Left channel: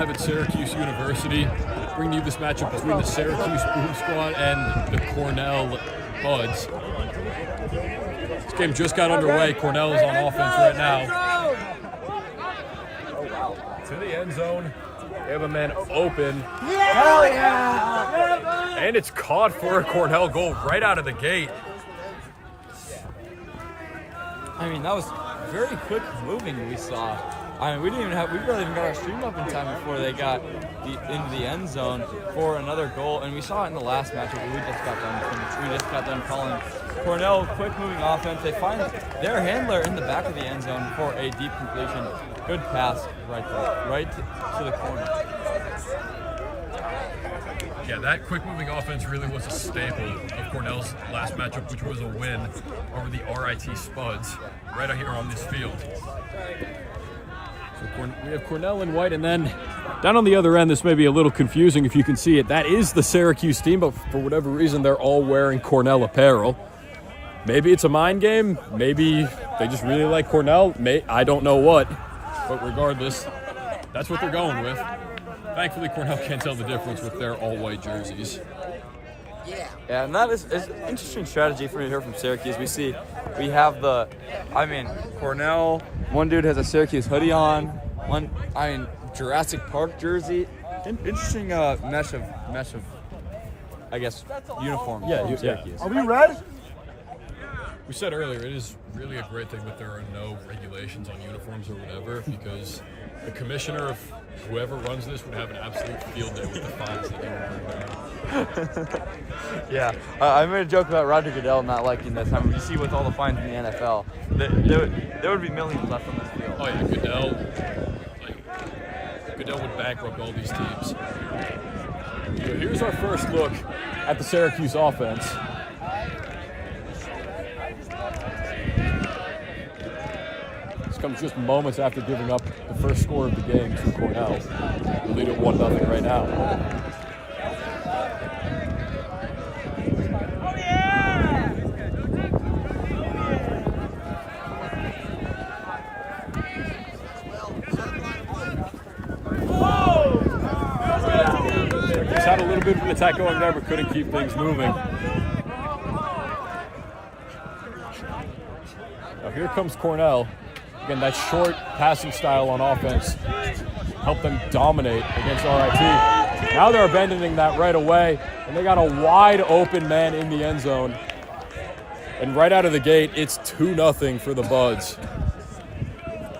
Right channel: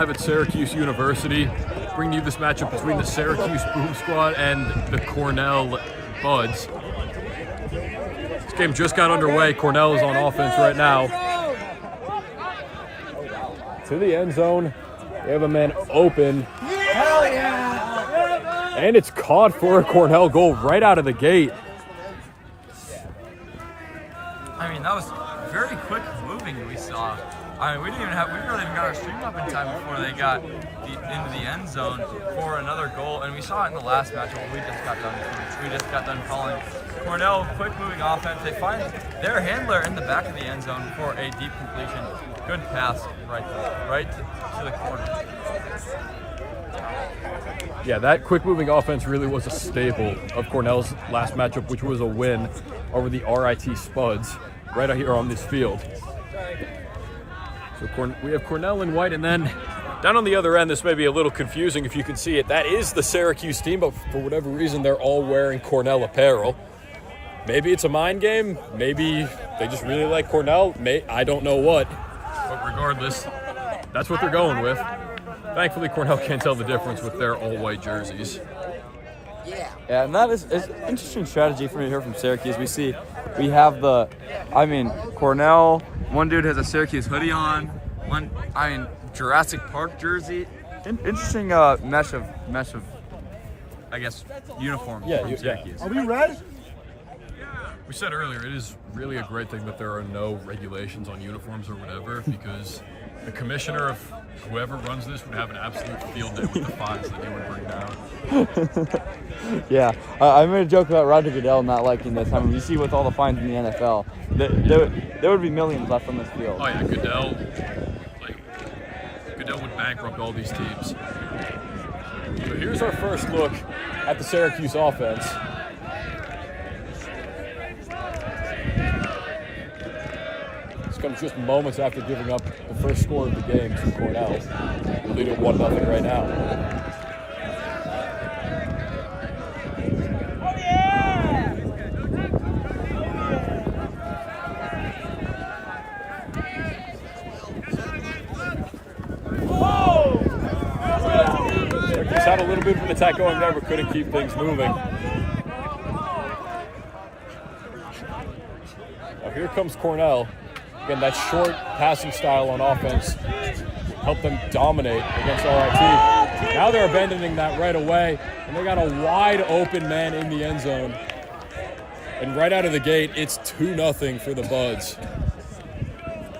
live at Syracuse University, bringing you this matchup between the Syracuse Boom Squad and the Cornell Buds. This game just got underway. Cornell is on offense right now. To the end zone. They have a man open. Hell yeah! And it's caught for a Cornell goal right out of the gate. I mean, that was very quick moving we saw. I mean, we barely even got our stream up in time before they got into the end zone for another goal. And we saw it in the last matchup. We just got done calling Cornell quick moving offense. They find their handler in the back of the end zone for a deep completion. Good pass right to the corner. Yeah, that quick moving offense really was a staple of Cornell's last matchup, which was a win over the RIT Spuds right out here on this field. So we have Cornell in white, and then down on the other end, this may be a little confusing if you can see it. That is the Syracuse team, but for whatever reason, they're all wearing Cornell apparel. Maybe it's a mind game. Maybe they just really like Cornell. I don't know what, but regardless, that's what they're going with. Thankfully, Cornell can't tell the difference with their all-white jerseys. Yeah, and that is an interesting strategy for me here from Syracuse. We have Cornell, one dude has a Syracuse hoodie on, Jurassic Park jersey. Interesting mesh of I guess uniforms from Syracuse. Are we red? We said earlier, it is really a great thing that there are no regulations on uniforms or whatever, because the commissioner of whoever runs this would have an absolute field day with the fines that he would bring down. Yeah, I made a joke about Roger Goodell not liking this. I mean, you see with all the fines in the NFL, there would be millions left on this field. Oh yeah, Goodell would bankrupt all these teams. So here's our first look at the Syracuse offense. This comes just moments after giving up the first score of the game to Cornell. They lead it 1-0 right now. Attack going there, but couldn't keep things moving. Now here comes Cornell. Again, that short passing style on offense helped them dominate against RIT. Now they're abandoning that right away, and they got a wide open man in the end zone. And right out of the gate, it's 2-0 for the Buds.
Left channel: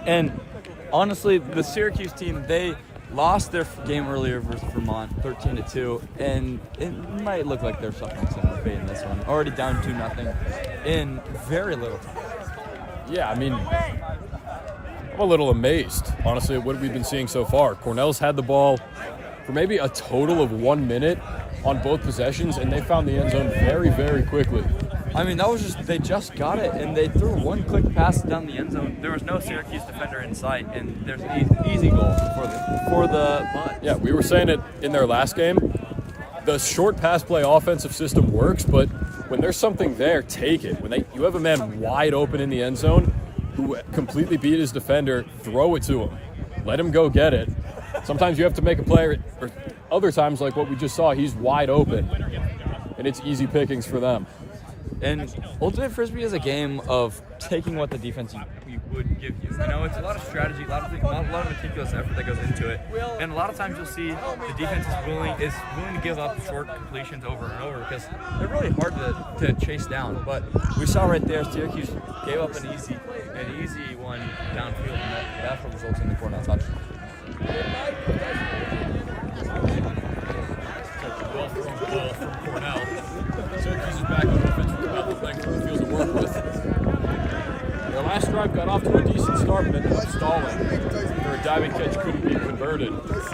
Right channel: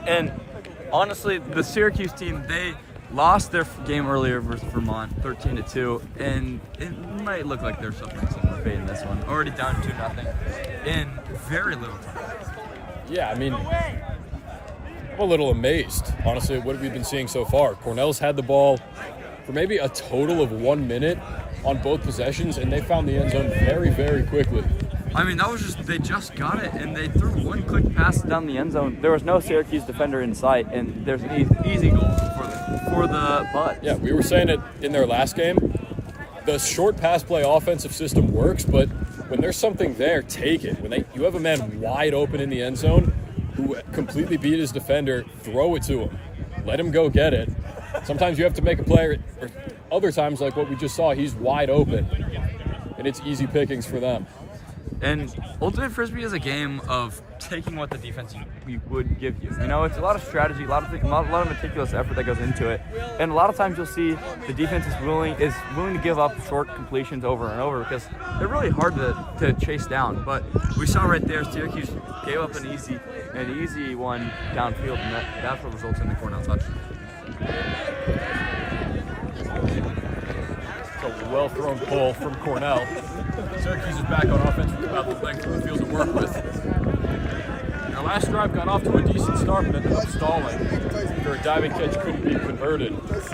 And honestly, the Syracuse team, they lost their game earlier versus Vermont, 13-2, and it might look like they're suffering similar fate in this one. Already down 2-0 in very little time. Yeah, I mean, I'm a little amazed, honestly, at what we've been seeing so far. Cornell's had the ball for maybe a total of 1 minute on both possessions, and they found the end zone very, very quickly. I mean, they just got it, and they threw one quick pass down the end zone. There was no Syracuse defender in sight, and there's an easy goal for the Buds. Yeah, we were saying it in their last game. The short pass play offensive system works, but when there's something there, take it. When you have a man wide open in the end zone who completely beat his defender, throw it to him. Let him go get it. Sometimes you have to make a play, or other times, like what we just saw, he's wide open, and it's easy pickings for them. And Ultimate Frisbee is a game of taking what the defense would give you. You know, it's a lot of strategy, a lot of meticulous effort that goes into it. And a lot of times you'll see the defense is willing to give up short completions over and over because they're really hard to chase down. But we saw right there, Syracuse gave up an easy one downfield, and that's what results in the Cornell touchdown. Well thrown ball from Cornell. Syracuse is back on offense with about the length of the field to work with. Their last drive got off to a decent start, but ended up stalling after a diving catch couldn't be converted. There's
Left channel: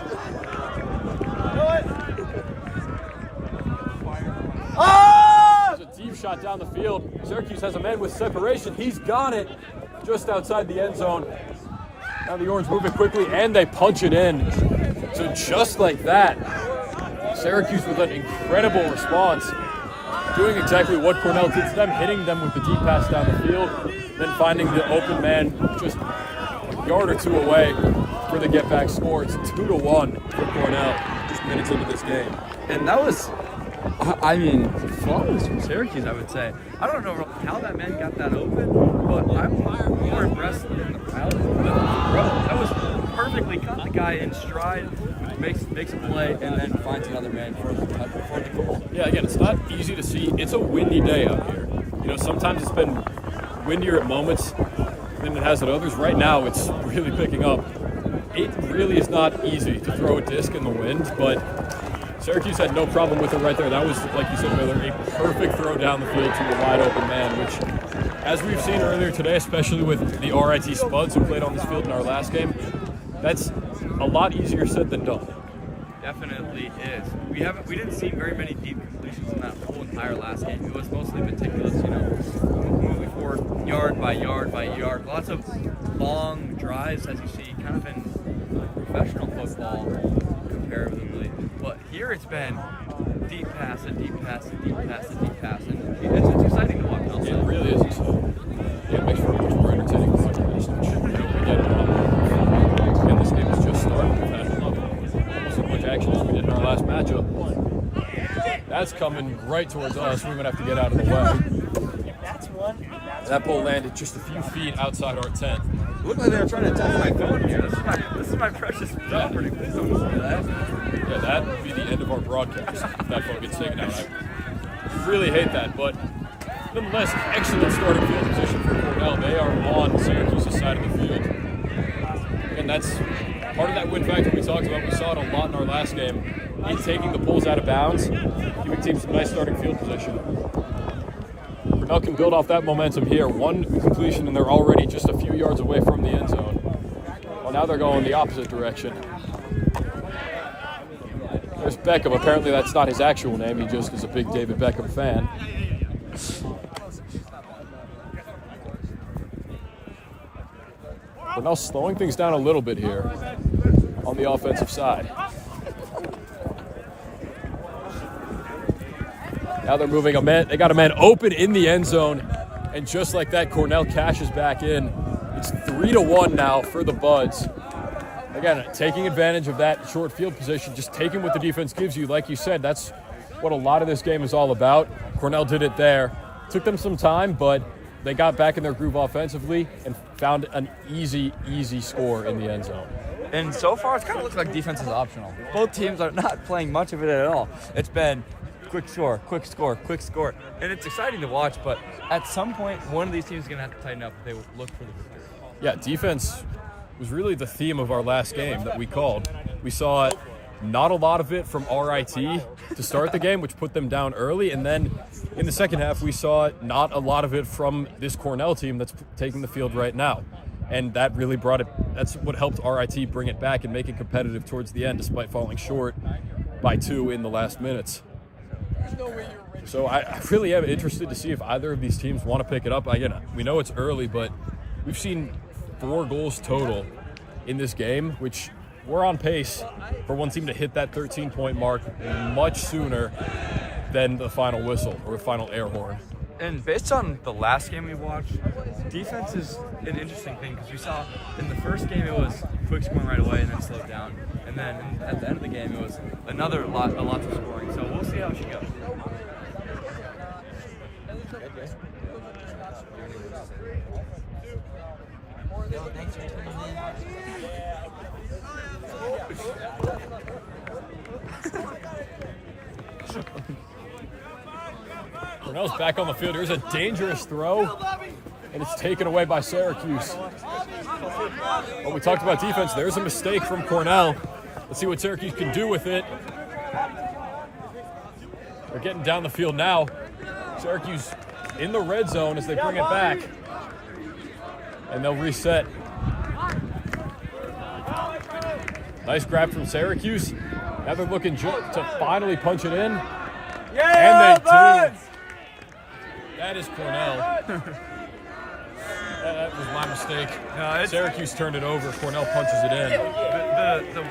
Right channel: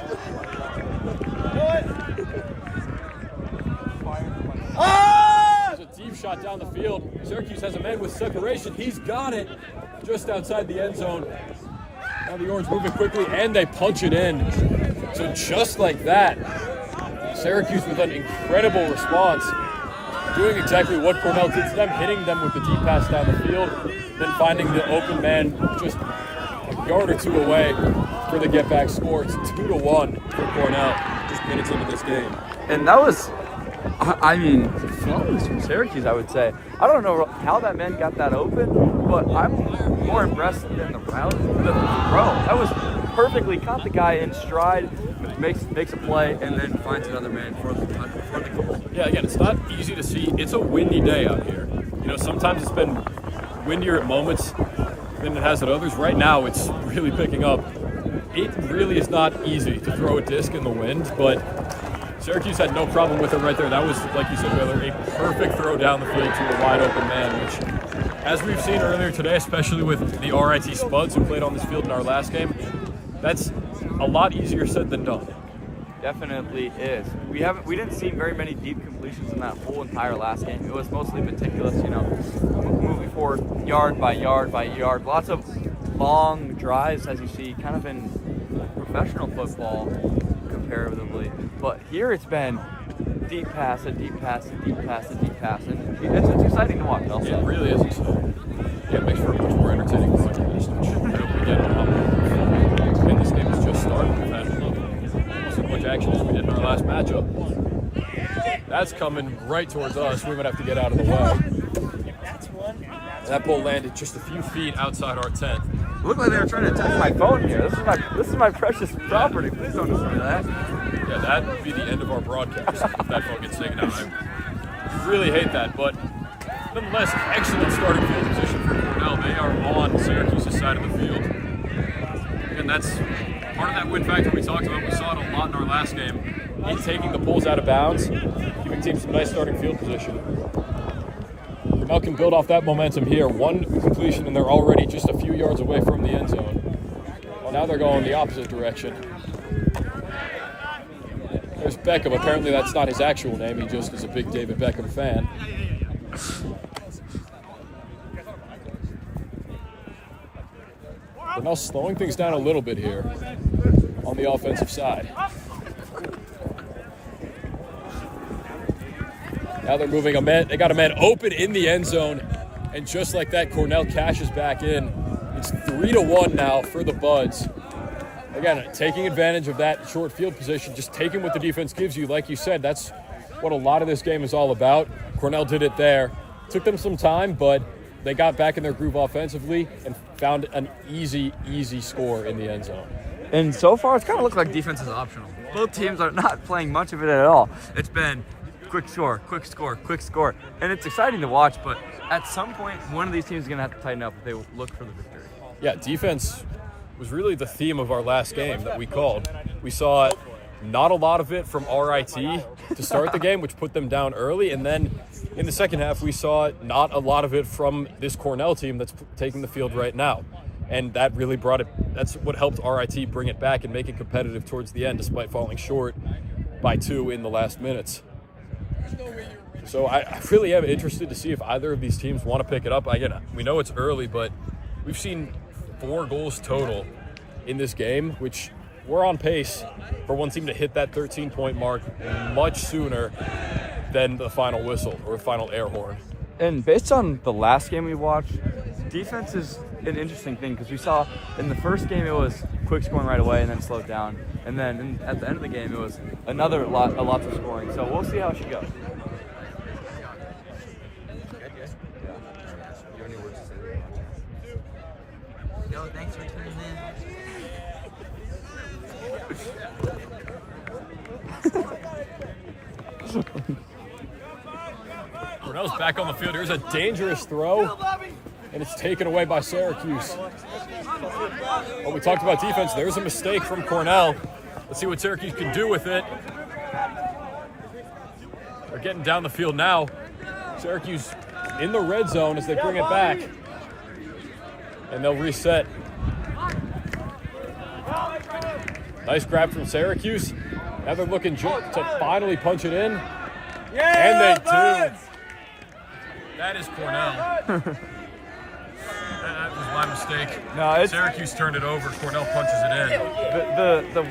a deep shot down the field. Syracuse has a man with separation. He's got it just outside the end zone. Now the Orange moving quickly, and they punch it in. So just like that, Syracuse with an incredible response, doing exactly what Cornell did to them, hitting them with the deep pass down the field, then finding the open man just yard or two away for the get-back score. It's 2-1 for Cornell just minutes into this game. And that was, I mean, flawless from Syracuse, I would say. I don't know how that man got that open, but I'm more impressed than the route. The throw, that was perfectly caught the guy in stride, makes a play, and then finds another man for the goal. Yeah, again, it's not easy to see. It's a windy day out here. You know, sometimes it's been windier at moments than it has at others. Right now, it's really picking up. It really is not easy to throw a disc in the wind, but Syracuse had no problem with it right there. That was, like you said, Hillary, perfect throw down the field to a wide open man, which, as we've seen earlier today, especially with the RIT Spuds who played on this field in our last game, that's a lot easier said than done. Definitely is. We didn't see very many deep completions in that whole entire last game. It was mostly meticulous, you know, moving forward yard by yard by yard. Lots of long drives, as you see, kind of in professional football comparatively. But here it's been deep pass, a deep pass, a deep pass, a deep pass, and it's exciting to watch. Also. Yeah, it really is exciting. Yeah, it makes for a much more entertaining football match, which we get and this game is just starting. We've had so much action as we did in our last matchup. That's coming right towards us. We're gonna have to get out of the way. That ball landed just a few feet outside our tent. It looked like they were trying to attack my phone here. This is my precious property. Please don't destroy that. Yeah, that would be the end of our broadcast if that phone gets taken out. I really hate that, but nonetheless, excellent starting field position for Cornell. They are on Syracuse's side of the field. And that's part of that win factor we talked about. We saw it a lot in our last game in taking the bulls out of bounds, giving teams some nice starting field position. Cornell can build off that momentum here. One completion, and they're already just a few yards away from the end zone. Well, now they're going the opposite direction. There's Beckham. Apparently that's not his actual name. He just is a big David Beckham fan. Cornell slowing things down a little bit here on the offensive side. Now they're moving a man. They got a man open in the end zone, and just like that, Cornell cashes back in. It's 3-1 now for the Buds. Again, taking advantage of that short field position, just taking what the defense gives you. Like you said, that's what a lot of this game is all about. Cornell did it there. Took them some time, but they got back in their groove offensively and found an easy score in the end zone. And so far, it's kind of looked like defense is optional. Both teams are not playing much of it at all. It's been quick score, quick score, quick score. And it's exciting to watch, but at some point, one of these teams is going to have to tighten up if they look for the victory. Yeah, defense was really the theme of our last game that we called. We saw not a lot of it from RIT to start the game, which put them down early. And then in the second half, we saw not a lot of it from this Cornell team that's taking the field right now. And that really brought it, that's what helped RIT bring it back and make it competitive towards the end, despite falling short by 2 in the last minutes. So I really am interested to see if either of these teams want to pick it up. Again, we know it's early, but we've seen 4 goals total in this game, which we're on pace for one team to hit that 13-point mark much sooner than the final whistle or final air horn. And based on the last game we watched, defense is an interesting thing because we saw in the first game it was quick scoring right away and then slowed down. And then at the end of the game it was a lot of scoring. So we'll see how she goes. Yo, thanks for tuning in. Cornell's back on the field. Here's a dangerous throw, and it's taken away by Syracuse. Well, we talked about defense. There's a mistake from Cornell. Let's see what Syracuse can do with it. They're getting down the field now. Syracuse in the red zone as they bring it back. And they'll reset. Nice grab from Syracuse. Now they're looking to finally punch it in. And they do. That is Cornell. That was my mistake. No, Syracuse turned it over. Cornell punches it in. The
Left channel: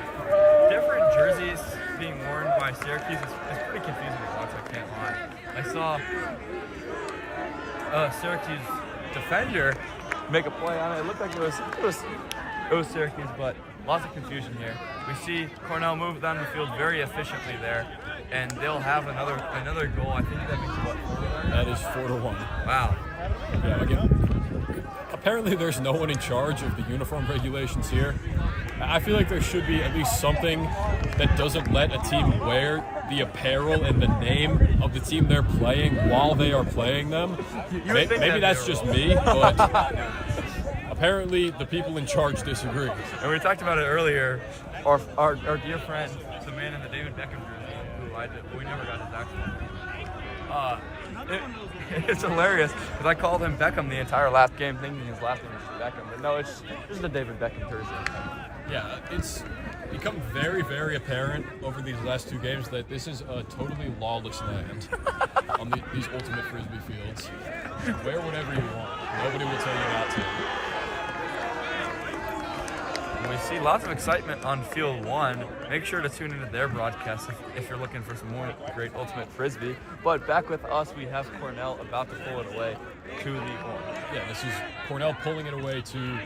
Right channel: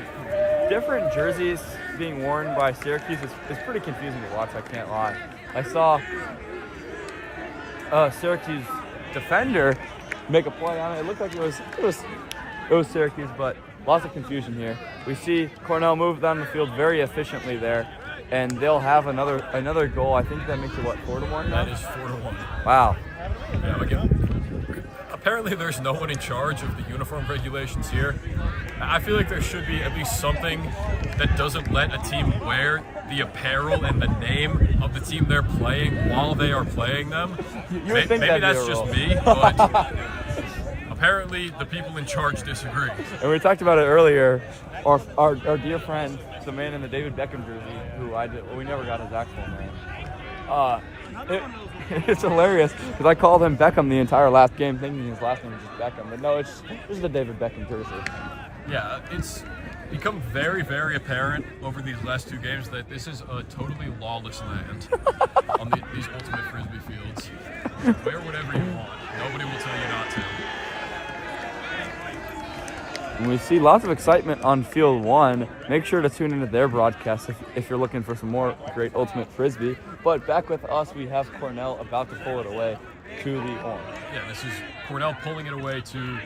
different jerseys being worn by Syracuse is pretty confusing to watch, I can't lie. I saw Syracuse defender make a play, and it looked like it was goes Syracuse, but lots of confusion here. We see Cornell move down the field very efficiently there, and they'll have another goal. I think that makes it, what, 4-1? That is 4-1. Wow. Apparently there's no one in charge of the uniform regulations here. I feel like there should be at least something that doesn't let a team wear the apparel and the name of the team they're playing while they are playing them. Maybe that's just me, but apparently the people in charge disagree. And we talked about it earlier. Our dear friend, the man in the David Beckham jersey, who we never got his actual name. It's hilarious because I called him Beckham the entire last game, thinking his last name was just Beckham. But no, it's just the David Beckham jersey. Yeah, it's become very, very apparent over these last two games that this is a totally lawless land on these ultimate Frisbee fields. Wear whatever you want. Nobody will tell you not to. And we see lots of excitement on Field 1. Make sure to tune into their broadcast if you're looking for some more great ultimate Frisbee. But back with us, we have Cornell about to pull it away to the home. Yeah, this is Cornell pulling it away to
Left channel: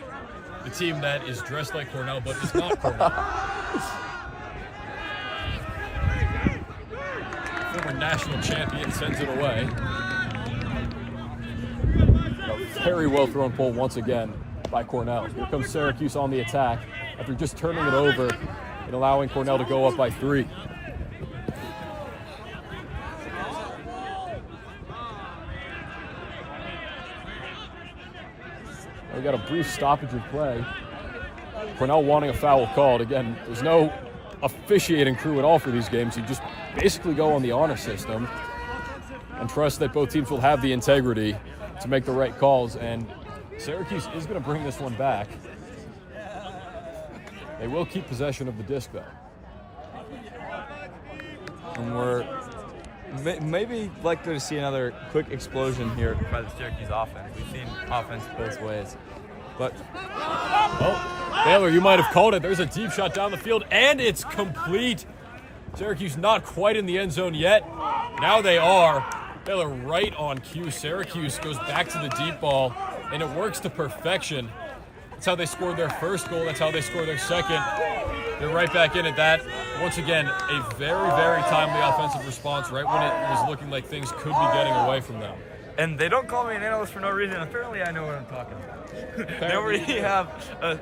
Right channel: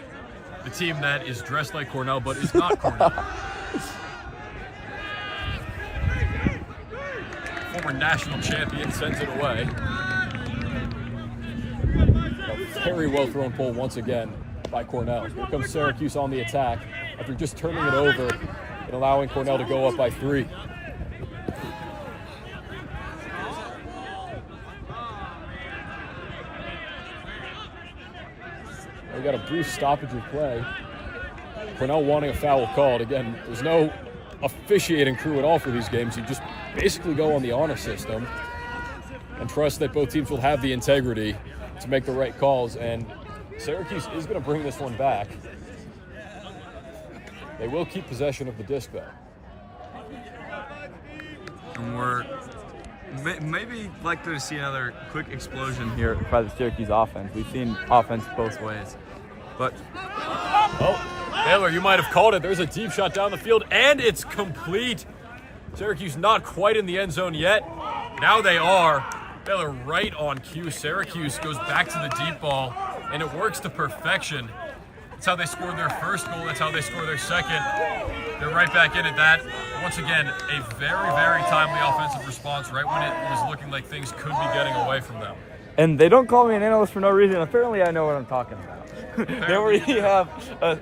the team that is dressed like Cornell but is not Cornell. Former national champion sends it away. Very well thrown pull once again by Cornell. Here comes Syracuse on the attack after just turning it over and allowing Cornell to go up by 3. We got a brief stoppage of play. Cornell wanting a foul called. Again, there's no officiating crew at all for these games. You just basically go on the honor system and trust that both teams will have the integrity to make the right calls. And Syracuse is going to bring this one back. They will keep possession of the disc, though. And we're maybe likely to see another quick explosion here by the Syracuse offense. We've seen offense both ways. But Taylor, you might have called it. There's a deep shot down the field, and it's complete. Syracuse not quite in the end zone yet. Now they are. Taylor right on cue. Syracuse goes back to the deep ball, and it works to perfection. That's how they scored their first goal. That's how they scored their second. They're right back in at that. Once again, a very, very timely offensive response right when it was looking like things could be getting away from them. And they don't call me an analyst for no reason. Apparently, I know what I'm talking about. They already have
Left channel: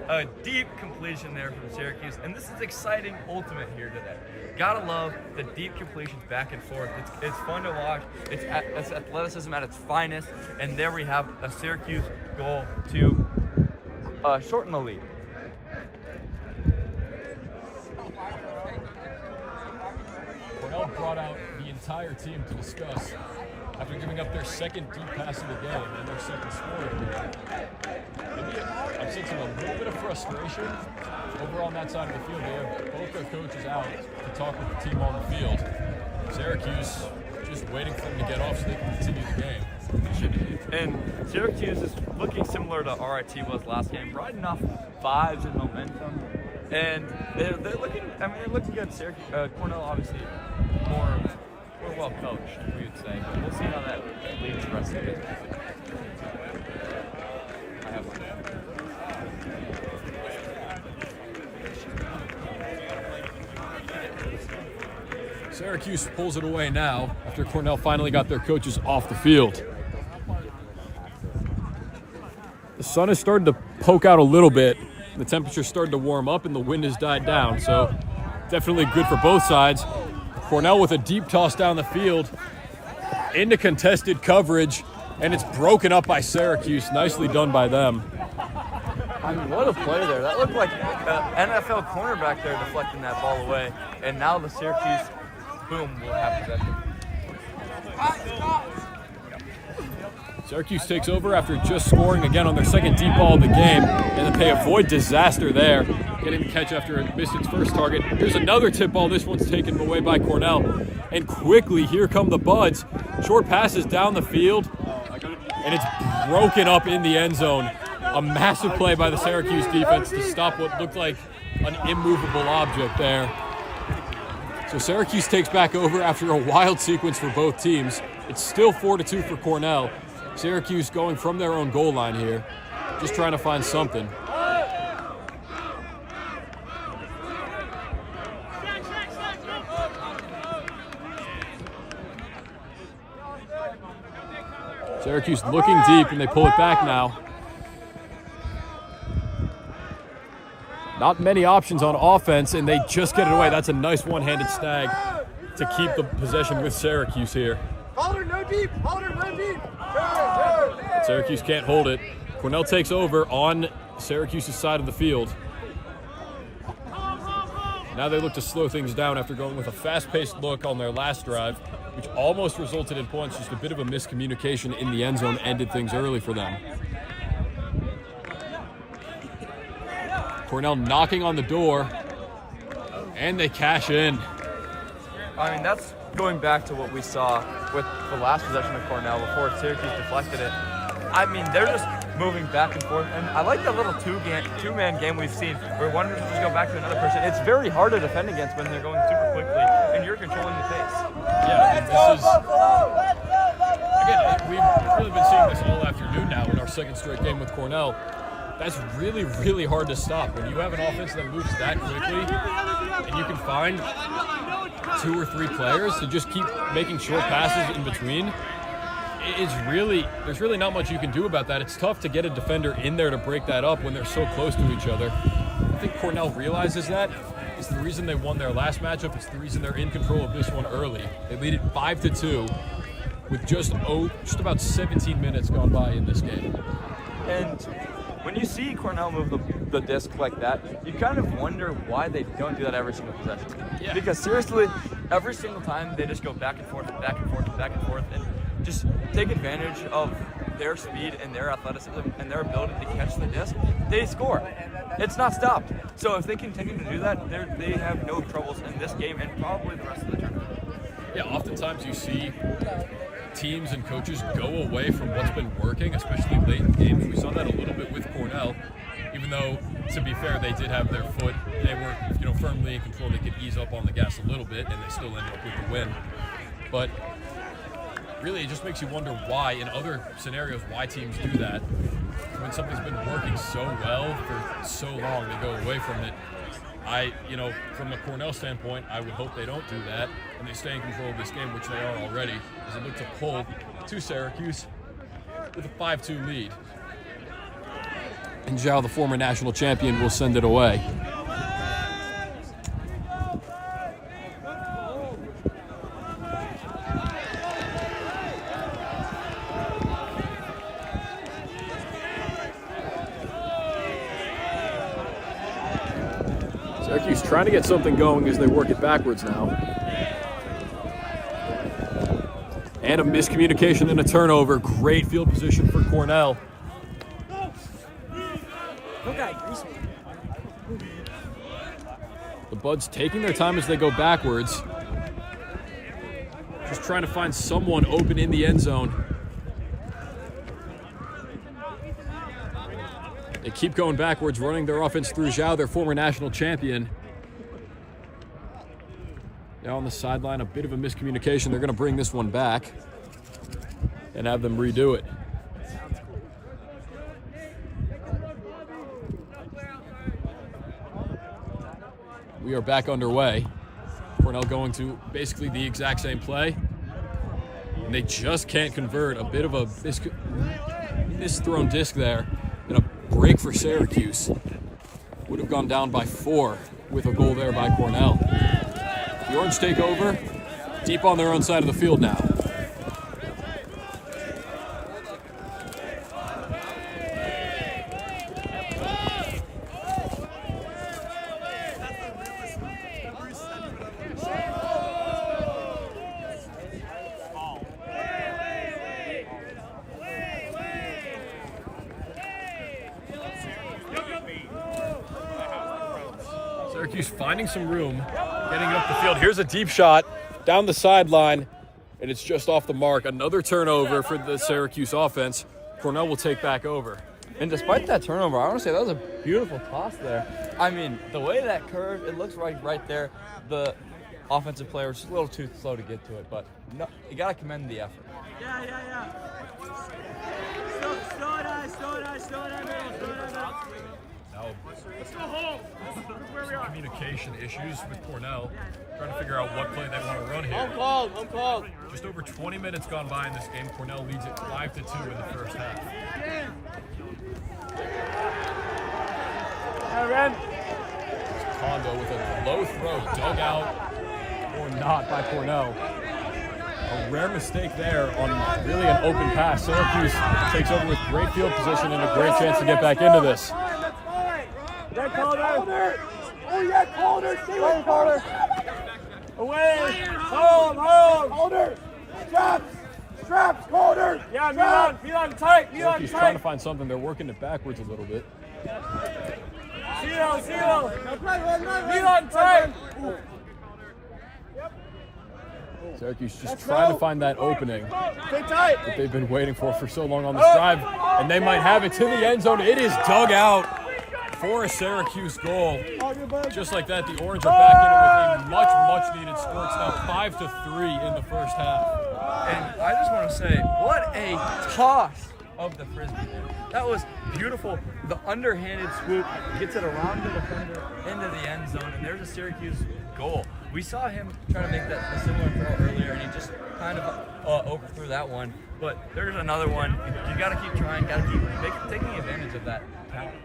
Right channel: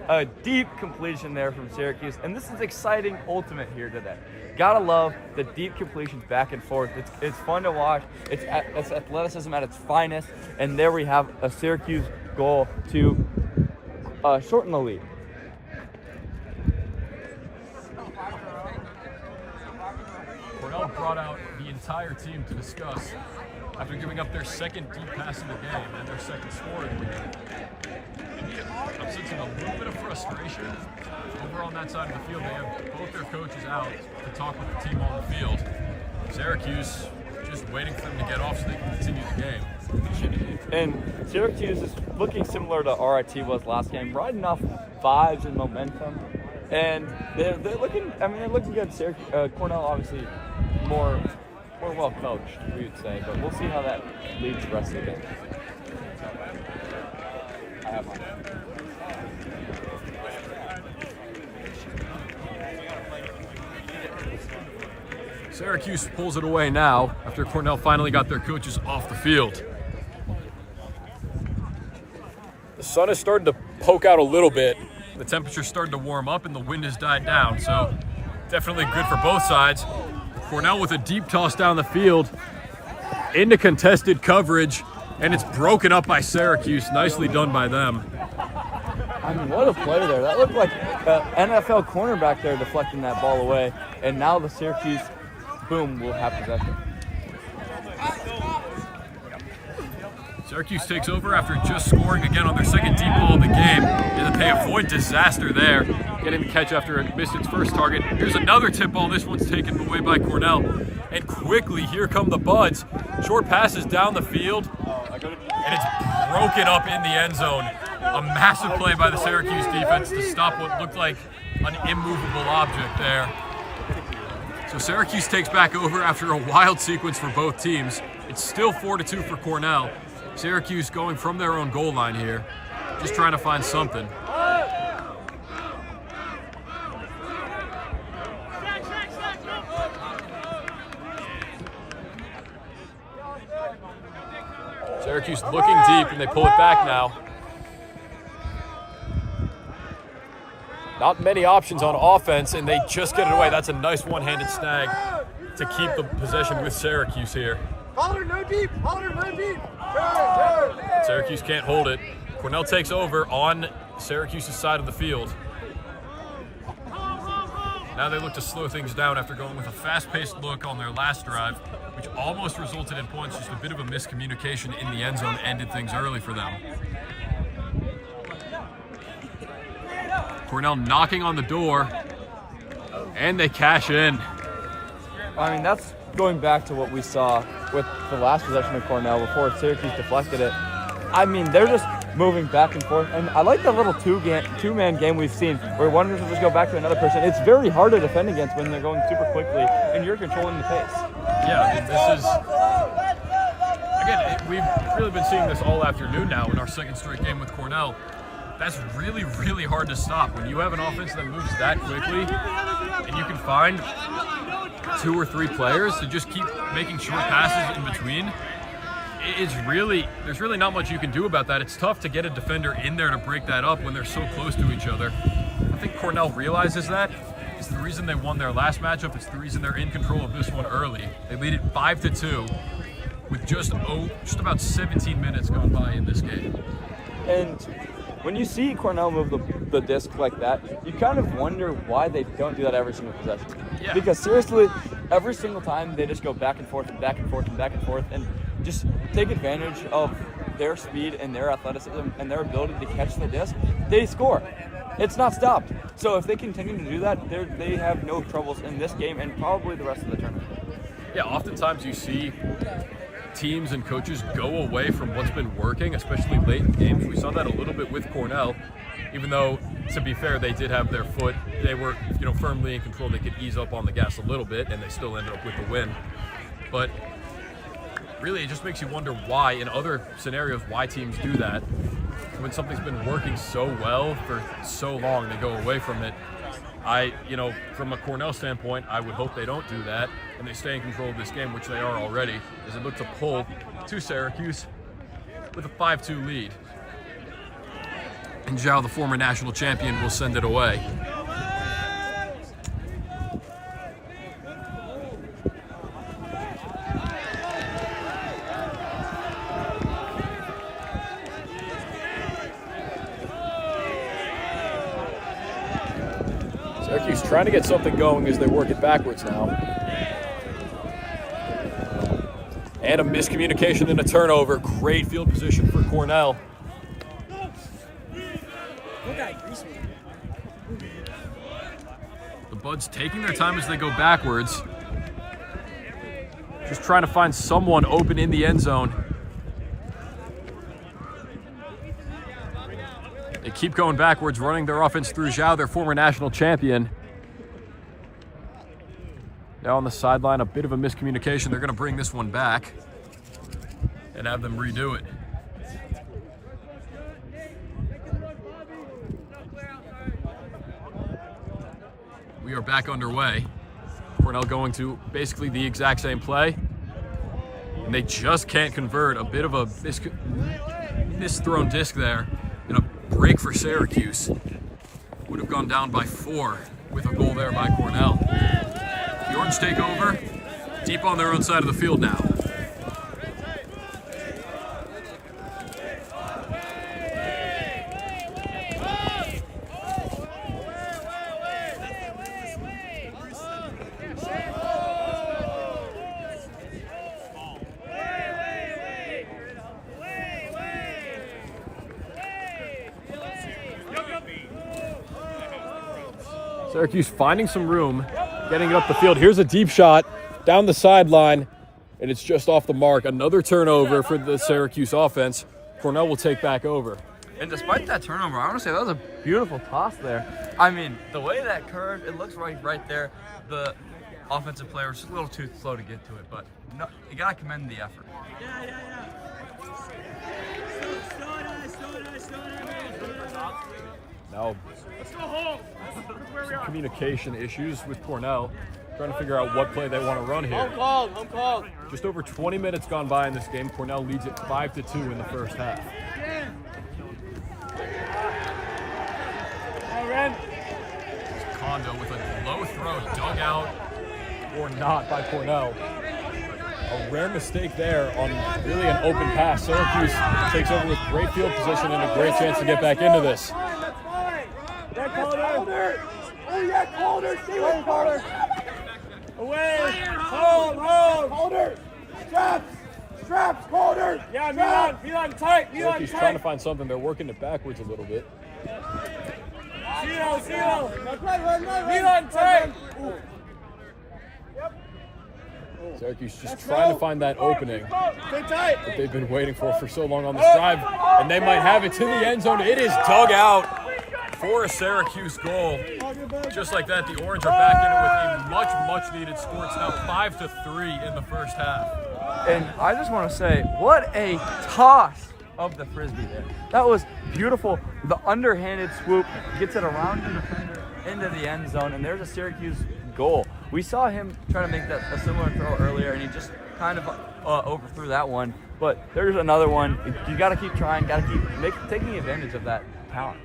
a deep completion there from Syracuse, and this is exciting ultimate here today. Gotta love the deep completions back and forth. It's fun to watch. It's athleticism at its finest, and there we have a Syracuse goal to shorten the lead. Cornell brought out the entire team to discuss after giving up their second deep pass of the game and their second score of the game. I'm sensing a little bit of frustration over on that side of the field. They have both their coaches out to talk with the team on the field. Syracuse just waiting for them to get off so they can continue the game. And Syracuse is looking similar to RIT was last game, right enough vibes and momentum. And they're looking, they're looking good. Syracuse, Cornell obviously more well coached, we would say, but we'll see how that leads the rest of the game. Syracuse pulls it away now after Cornell finally got their coaches off the field. The sun is starting to poke out a little bit. The temperature's starting to warm up and the wind has died down, so definitely good for both sides. Cornell with a deep toss down the field into contested coverage, and it's broken up by Syracuse. Nicely done by them. What a play there. That looked like an NFL cornerback there deflecting that ball away, and now the Syracuse, boom, will have possession. Syracuse takes over after just scoring again on their second deep ball of the game, and then they avoid disaster there, getting the catch after it missed its first target. Here's another tip ball. This one's taken away by Cornell. And quickly, here come the Buds. Short passes down the field, and it's broken up in the end zone. A massive play by the Syracuse defense to stop what looked like an immovable object there. So Syracuse takes back over after a wild sequence for both teams. It's still 4-2 for Cornell. Syracuse going from their own goal line here, just trying to find something. Syracuse looking deep, and they pull it back now. Not many options on offense, and they just get it away. That's a nice one-handed snag to keep the possession with Syracuse here. Hold her, no deep. Hold her, no deep. Syracuse can't hold it. Cornell takes over on Syracuse's side of the field. Now they look to slow things down after going with a fast-paced look on their last drive, which almost resulted in points. Just a bit of a miscommunication in the end zone ended things early for them. Cornell knocking on the door, and they cash in. I mean, that's going back to what we saw with the last possession of Cornell before Syracuse deflected it. I mean, they're just moving back and forth. And I like the little two-man game we've seen where one person just go back to another person. It's very hard to defend against when they're going super quickly and you're controlling the pace. Yeah, I mean, this is... Again, we've really been seeing this all afternoon now in our second straight game with Cornell. That's really, really hard to stop. When you have an offense that moves that quickly and you can find 2 or 3 players to just keep making short passes in between, there's really not much you can do about that. It's tough to get a defender in there to break that up when they're so close to each other. I think Cornell realizes that. It's the reason they won their last matchup. It's the reason they're in control of this one early. They lead it 5-2 with just about 17 minutes gone by in this game. And when you see Cornell move the disc like that, you kind of wonder why they don't do that every single possession. Yeah. Because seriously, every single time they just go back and forth and back and forth and back and forth and just take advantage of their speed and their athleticism and their ability to catch the disc, they score. It's not stopped. So if they continue to do that, they have no troubles in this game and probably the rest of the tournament. Yeah, oftentimes you see teams and coaches go away from what's been working, especially late in games. We saw that a little bit with Cornell, even though, to be fair, they did have their foot. They were, firmly in control. They could ease up on the gas a little bit, and they still ended up with the win. But really, it just makes you wonder why, in other scenarios, why teams do that. When something's been working so well for so long, they go away from it. From a Cornell standpoint, I would hope they don't do that and they stay in control of this game, which they are already, as they look to pull to Syracuse with a 5-2 lead. And Dhill, the former national champion, will send it away. Trying to get something going as they work it backwards now. And a miscommunication and a turnover. Great field position for Cornell. The Buds taking their time as they go backwards. Just trying to find someone open in the end zone. They keep going backwards, running their offense through Dhill, their former national champion. Now on the sideline, a bit of a miscommunication. They're going to bring this one back and have them redo it. We are back underway. Cornell going to basically the exact same play. And they just can't convert. A bit of a misthrown disc there. And a break for Syracuse. Would have gone down by 4 with a goal there by Cornell. The Orange take over, deep on their own side of the field now. Syracuse finding some room, getting it up the field. Here's a deep shot down the sideline, and it's just off the mark. Another turnover for the Syracuse offense. Cornell will take back over. And despite that turnover, I want to say that was a beautiful toss there. I mean, the way that curved, it looks right there. The offensive player was just a little too slow to get to it, but no, you got to commend the effort. Yeah. Now, some communication issues with Cornell, trying to figure out what play they want to run here. Home call. Just over 20 minutes gone by in this game. Cornell leads it 5-2 in the first half. Kondo with a low throw dug out or not by Cornell. A rare mistake there on really an open pass. Syracuse takes over with great field position and a great chance to get back into this. Away! Holder! Straps! Holder! Yeah, Milan, tight! Syracuse trying to find something. They're working it backwards a little bit. Seal! Milan, tight! Syracuse just trying to find that opening Stay tight! that they've been waiting for so long on this drive. And they might have it to the end zone. It is dug out for a Syracuse goal. Just like that, the Orange are back in it with a much needed score. It's now 5-3 in the first half. And I just want to say, what a toss of the Frisbee there. That was beautiful. The underhanded swoop gets it around the defender into the end zone, and there's a Syracuse goal. We saw him try to make a similar throw earlier, and he just kind of overthrew that one. But there's another one. You got to keep trying, got to keep taking advantage of that talent.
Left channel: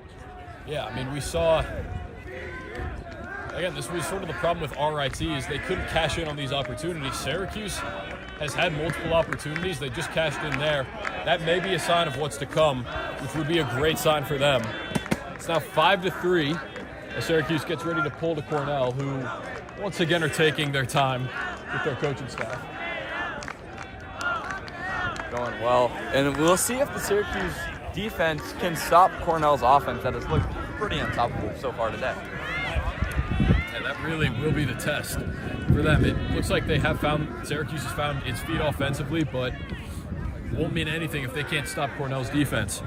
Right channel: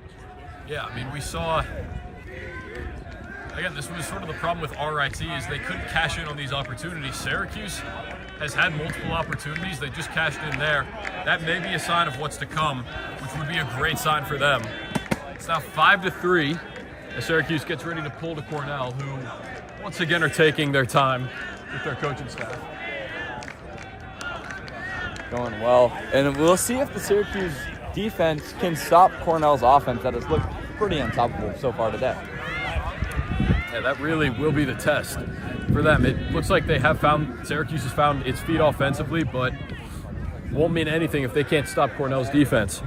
Yeah, I mean, we saw, again, this was sort of the problem with RIT is they couldn't cash in on these opportunities. Syracuse has had multiple opportunities. They just cashed in there. That may be a sign of what's to come, which would be a great sign for them. It's now 5-3 as Syracuse gets ready to pull to Cornell, who once again are taking their time with their coaching staff. Going well. And we'll see if the Syracuse defense can stop Cornell's offense that has looked pretty unstoppable so far today. Yeah, that really will be the test for them. It looks like Syracuse has found its feet offensively, but won't mean anything if they can't stop Cornell's defense.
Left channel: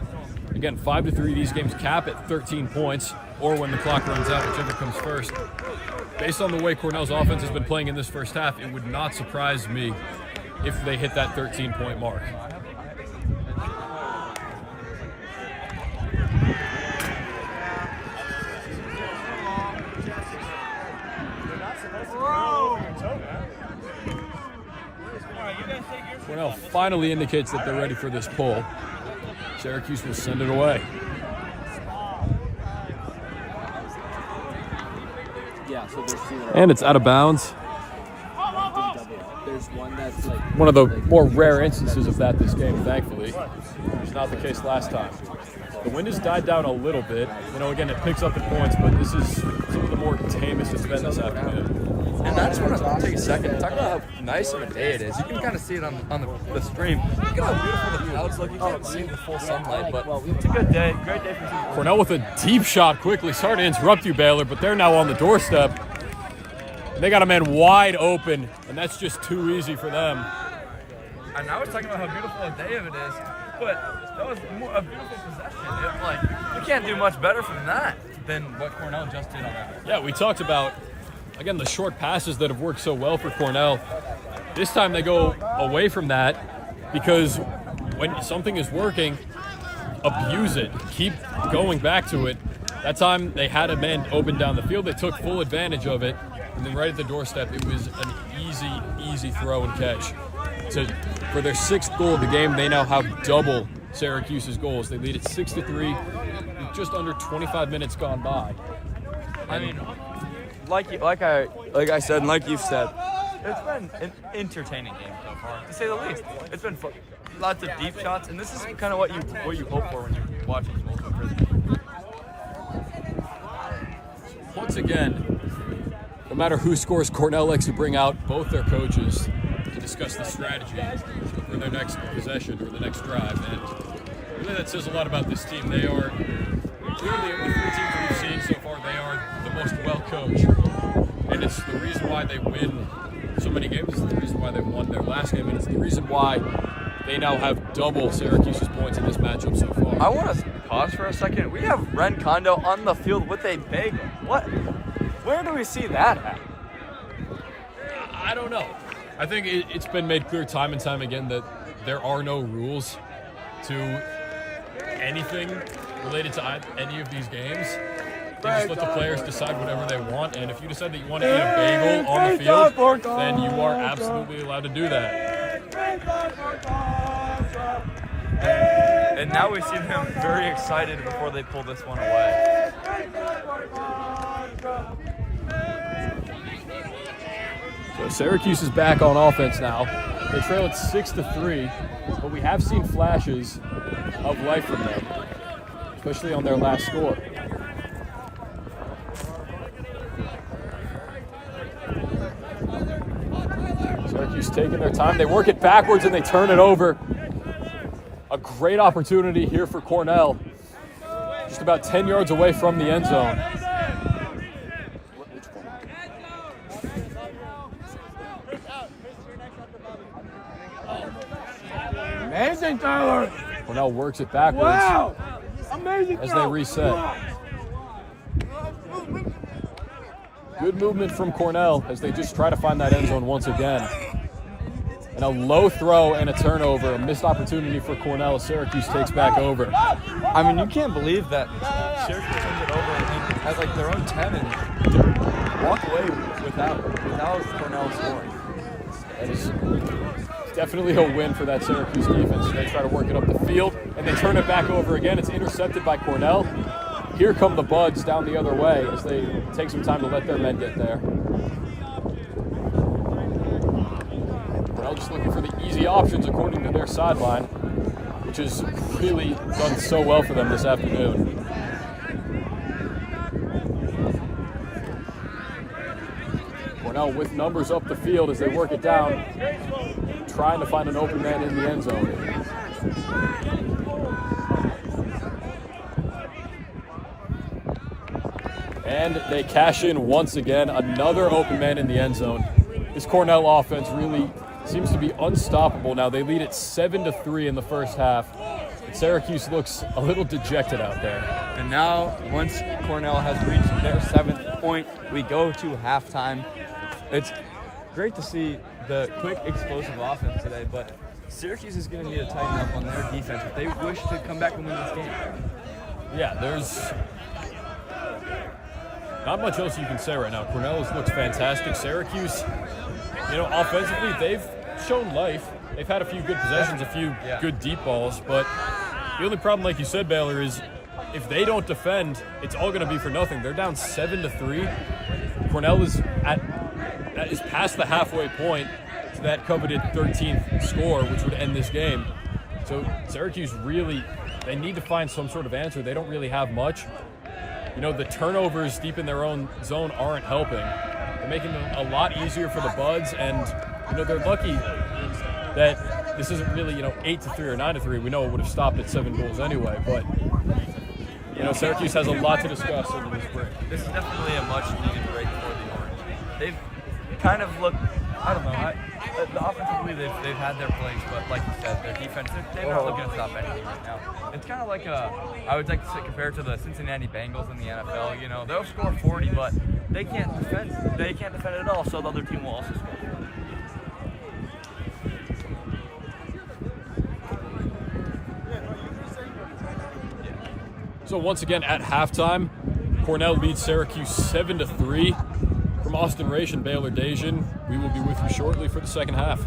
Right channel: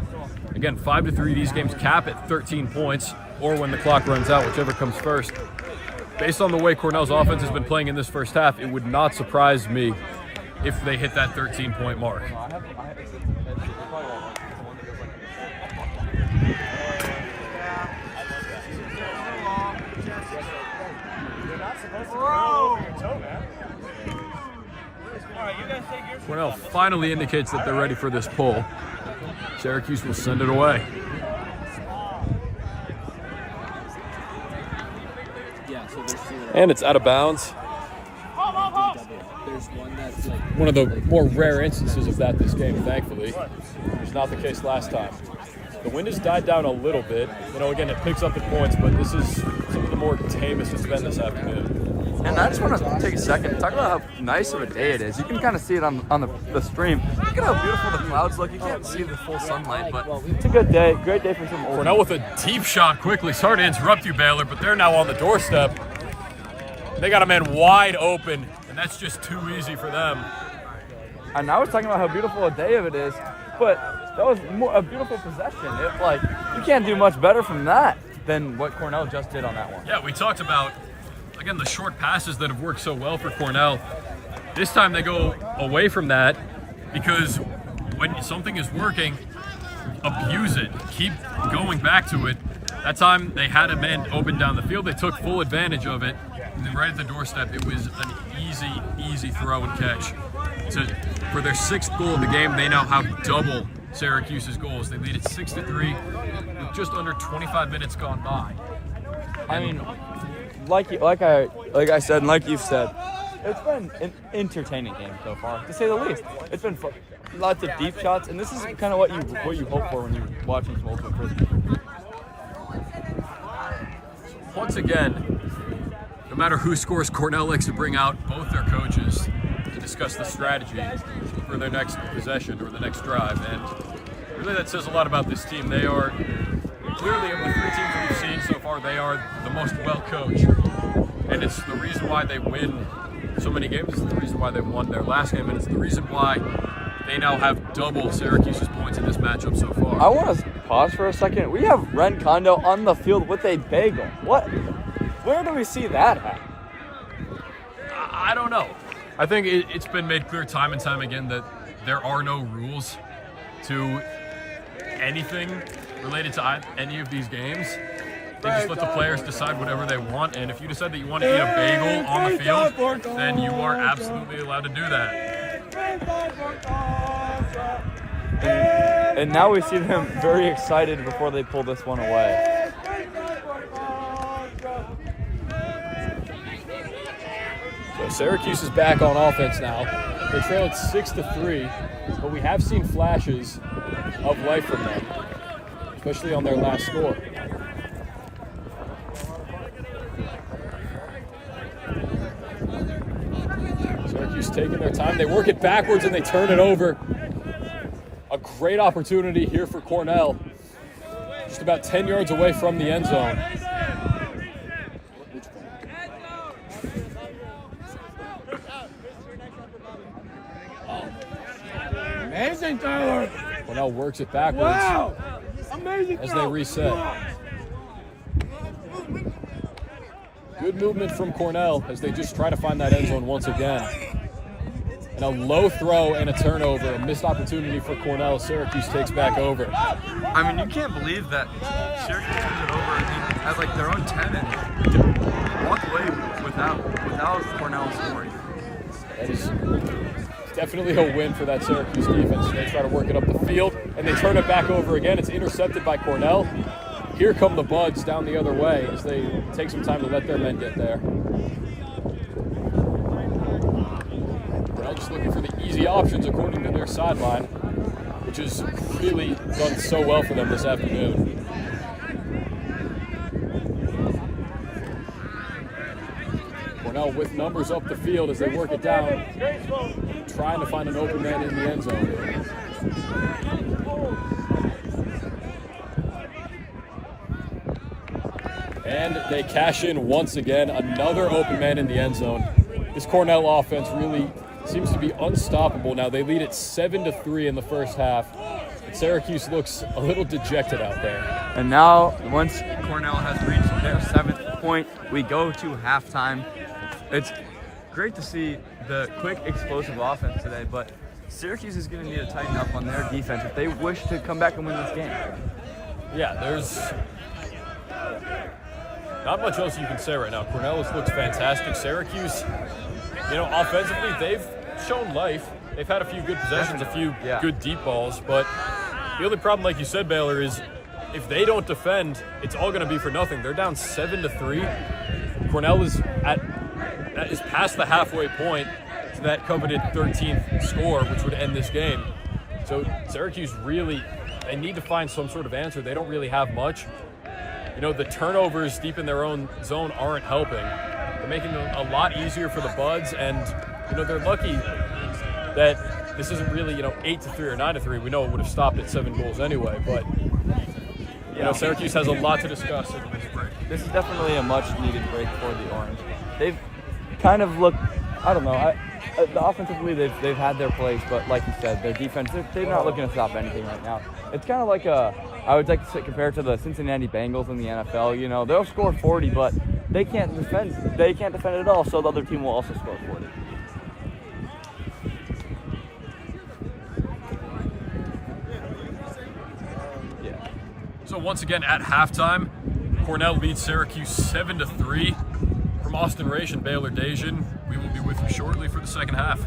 Again, 5-3, these games cap at 13 points, or when the clock runs out, whichever comes first. Based on the way Cornell's offense has been playing in this first half, it would not surprise me if they hit that 13-point mark. Cornell finally indicates that they're ready for this pull. Syracuse will send it away. Yeah, so there's two that And it's out of bounds. there's one that's like One of the more rare instances of that this game, thankfully. It was not the case last time. The wind has died down a little bit. You know, again, it picks up the points, but this is some of the more tamest it's been this afternoon. And I just want to take a second and talk about how nice of a day it is. You can kind of see it on the stream. Look at how beautiful the clouds look. You can't see the full sunlight, but it's a good day. Great day for some. Cornell with a deep shot quickly. Sorry to interrupt you, Baylor, but they're now on the doorstep. They got a man wide open, and that's just too easy for them. And I was talking about how beautiful a day of it is, but that was a beautiful possession. You can't do much better from that than what Cornell just did on that one. Yeah, we talked about, again, the short passes that have worked so well for Cornell. This time they go away from that because when something is working, abuse it. Keep going back to it. That time they had a man open down the field. They took full advantage of it. And then right at the doorstep, it was an easy throw and catch. So for their sixth goal of the game, they now have double Syracuse's goals. They lead at 6-3 with just under 25 minutes gone by. I mean, like I said, and like you've said, it's been an entertaining game so far, to say the least. It's been fun. Lots of deep shots, and this is kind of what you hope for when you watch these multiple. Once again, no matter who scores, Cornell likes to bring out both their coaches to discuss the strategy for their next possession or the next drive. And really that says a lot about this team. They are clearly, of the three teams that we've seen so far, they are the most well-coached. And it's the reason why they win so many games. It's the reason why they won their last game. And it's the reason why they now have double Syracuse's points in this matchup so far. I want to pause for a second. We have Ren Kondo on the field with a bagel. What? Where do we see that at? I don't know. I think it's been made clear time and time again that there are no rules to anything related to any of these games. They just let the players decide whatever they want, and if you decide that you want to eat a bagel on the field, then you are absolutely allowed to do that. And now we see them very excited before they pull this one away. Syracuse is back on offense now. They trail at 6-3, but we have seen flashes of life from them, especially on their last score. Syracuse taking their time. They work it backwards and they turn it over. A great opportunity here for Cornell. Just about 10 yards away from the end zone. Amazing, Tyler. Cornell works it backwards. Wow. Amazing as they reset. Good movement from Cornell as they just try to find that end zone once again. And a low throw and a turnover, a missed opportunity for Cornell. Syracuse takes back over. I mean, you can't believe that Syracuse turns it over at like their own 10 and walk away without Cornell scoring. It's definitely a win for that Syracuse defense. They try to work it up the field, and they turn it back over again. It's intercepted by Cornell. Here come the Buds down the other way as they take some time to let their men get there. Cornell just looking for the easy options according to their sideline, which has really done so well for them this afternoon. Cornell with numbers up the field as they work it down, trying to find an open man in the end zone. And they cash in once again, another open man in the end zone. This Cornell offense really seems to be unstoppable now. They lead at 7-3 in the first half. And Syracuse looks a little dejected out there. And now, once Cornell has reached their 7th point, we go to halftime. It's great to see the quick, explosive offense today, but Syracuse is going to need to tighten up on their defense if they wish to come back and win this game. Yeah, there's not much else you can say right now. Cornell looks fantastic. Syracuse, offensively, they've shown life. They've had a few good possessions, a few good deep balls, but the only problem, like you said, Baylor, is if they don't defend, it's all going to be for nothing. They're down 7-3. Cornell is past the halfway point to that coveted 13th score, which would end this game. So Syracuse really, they need to find some sort of answer. They don't really have much. The turnovers deep in their own zone aren't helping. They're making it a lot easier for the Buds, and they're lucky that this isn't really 8-3 or 9-3. We know it would have stopped at 7 goals anyway, but Syracuse has a lot to discuss over this break. This is definitely a much-needed break for the Orange. They've kind of looked, I don't know, offensively they've had their place, but like you said, their defense, they're not looking to stop anything right now. It's kind of like I would like to compare it to the Cincinnati Bengals in the NFL. They'll score 40, but they can't defend it at all, so the other team will also score 40. So once again at halftime, Cornell beats Syracuse 7-3. From Austin Raish and Baylor Dasian, we will be with you shortly for the second half.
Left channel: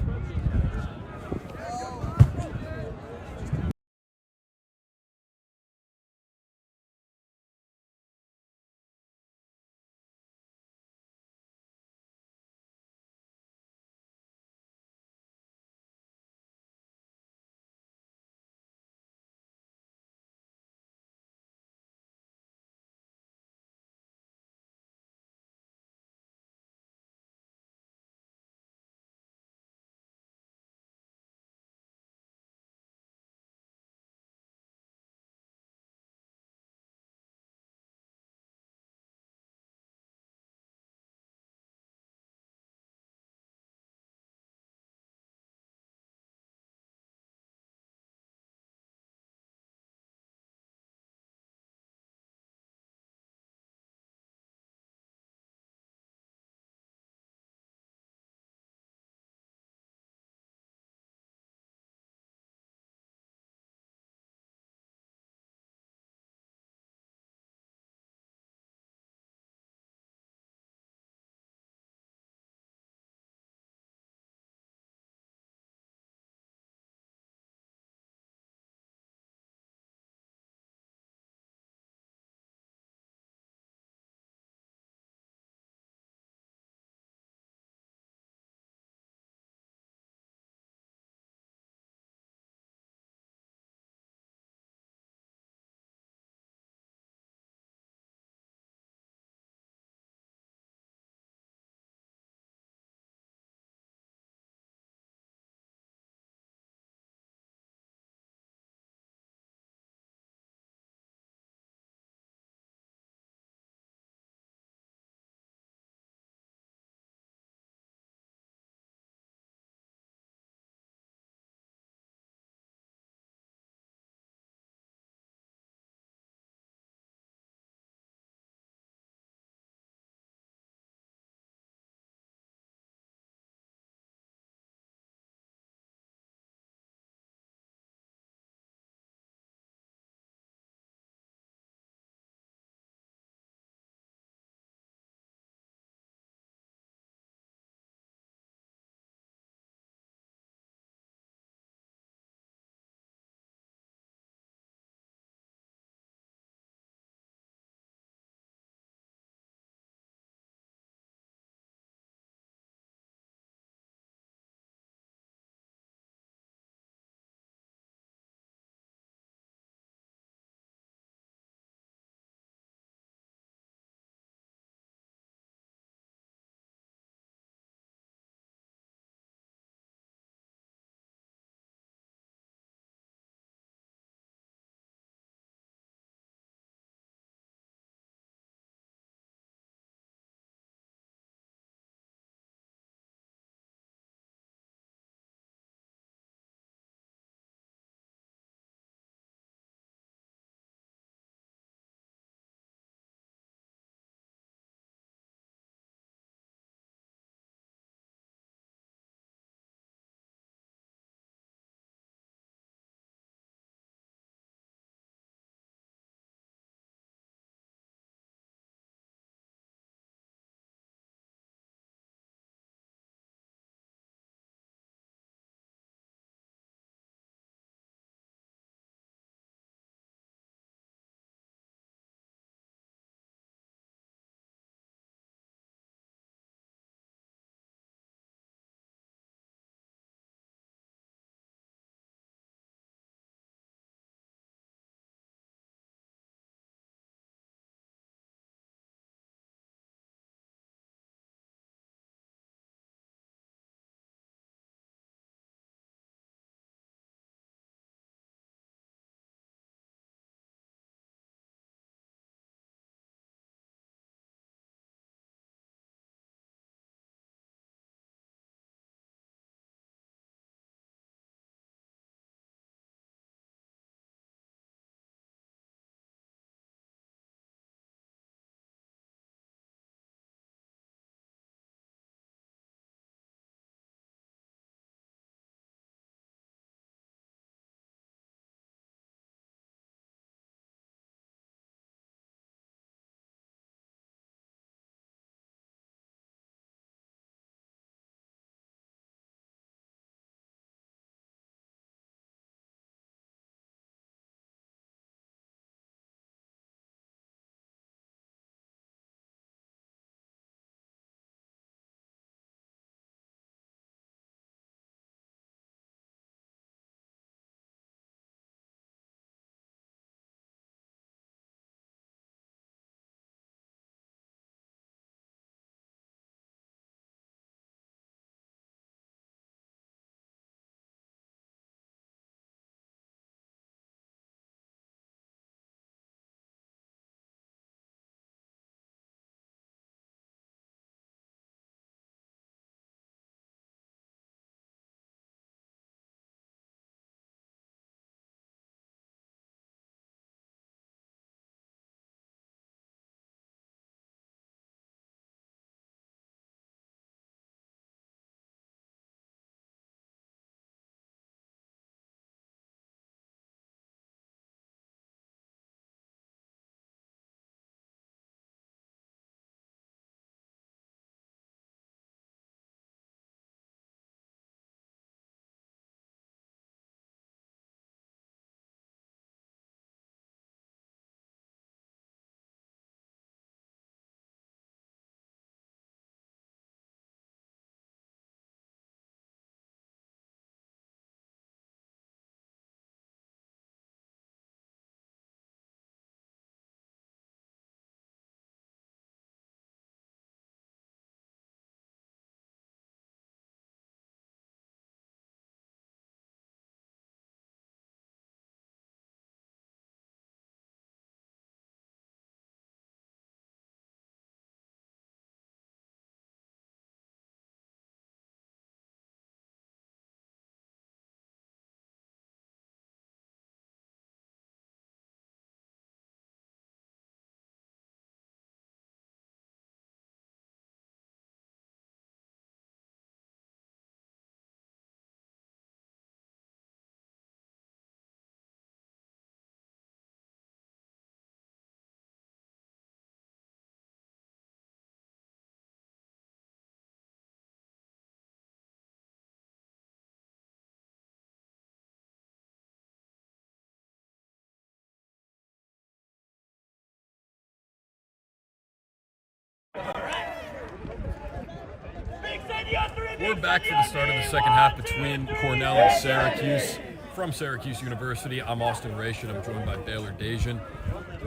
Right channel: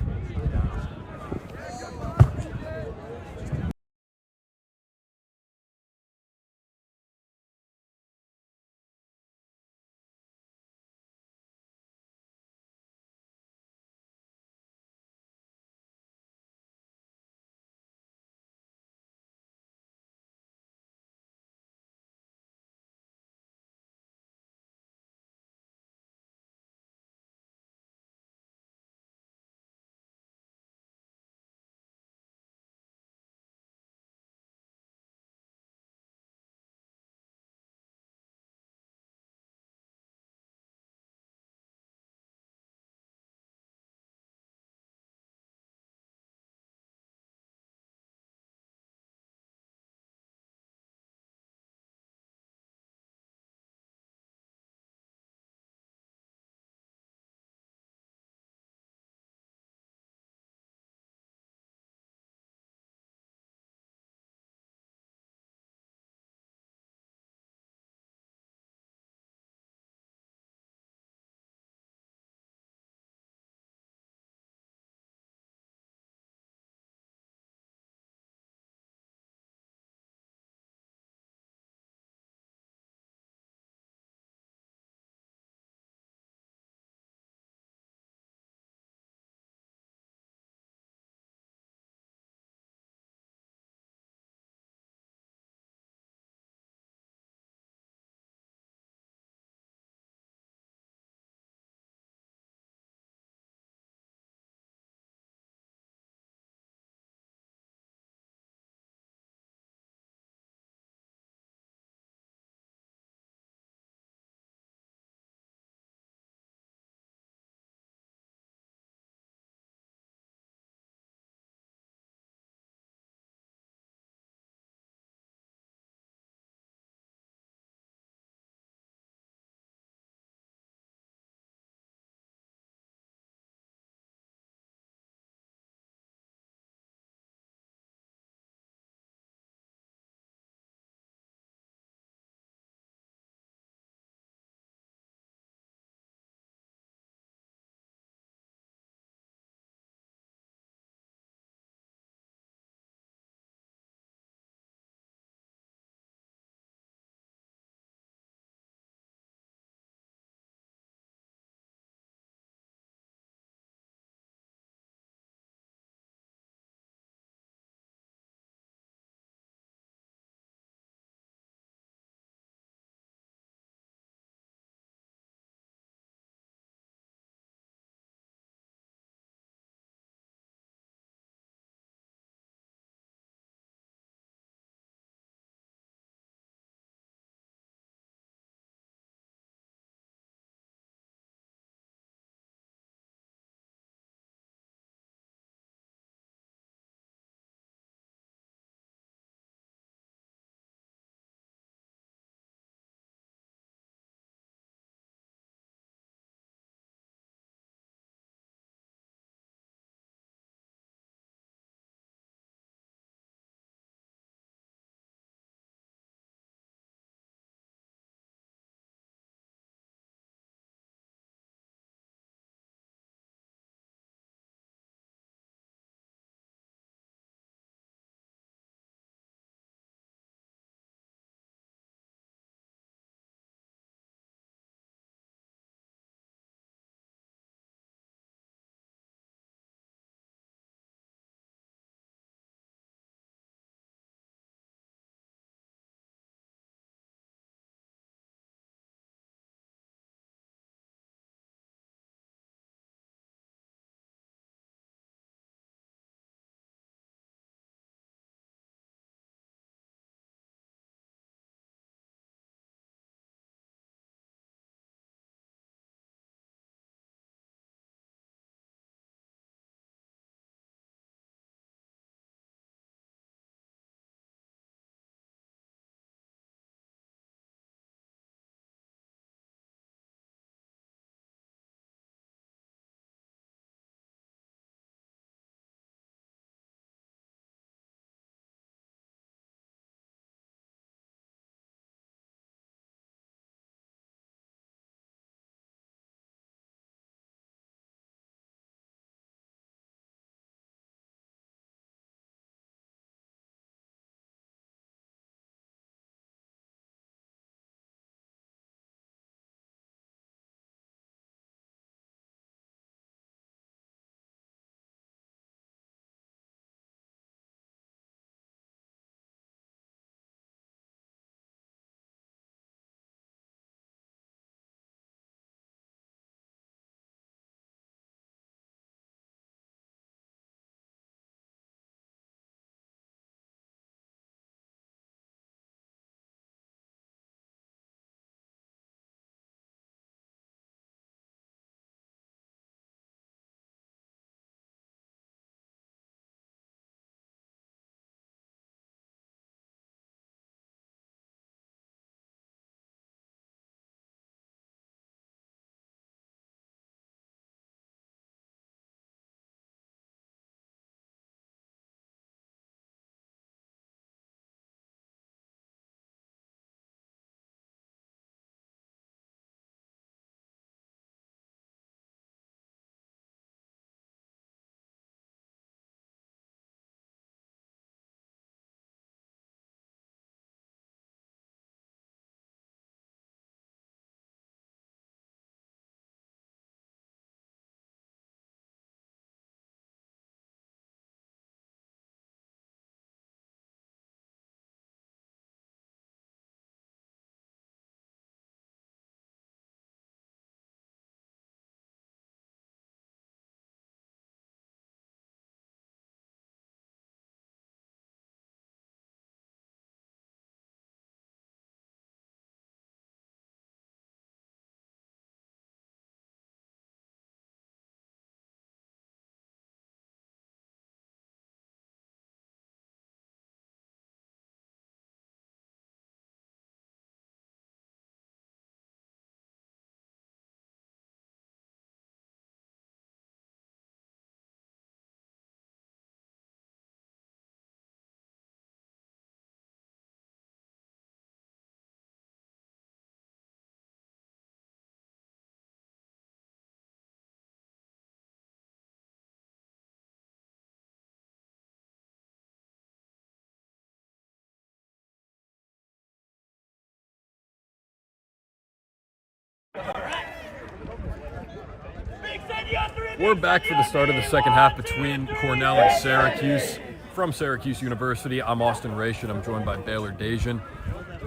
We're back for the start of the second half between Cornell and Syracuse. From Syracuse University, I'm Austin Raish, and I'm joined by Baylor Dajan.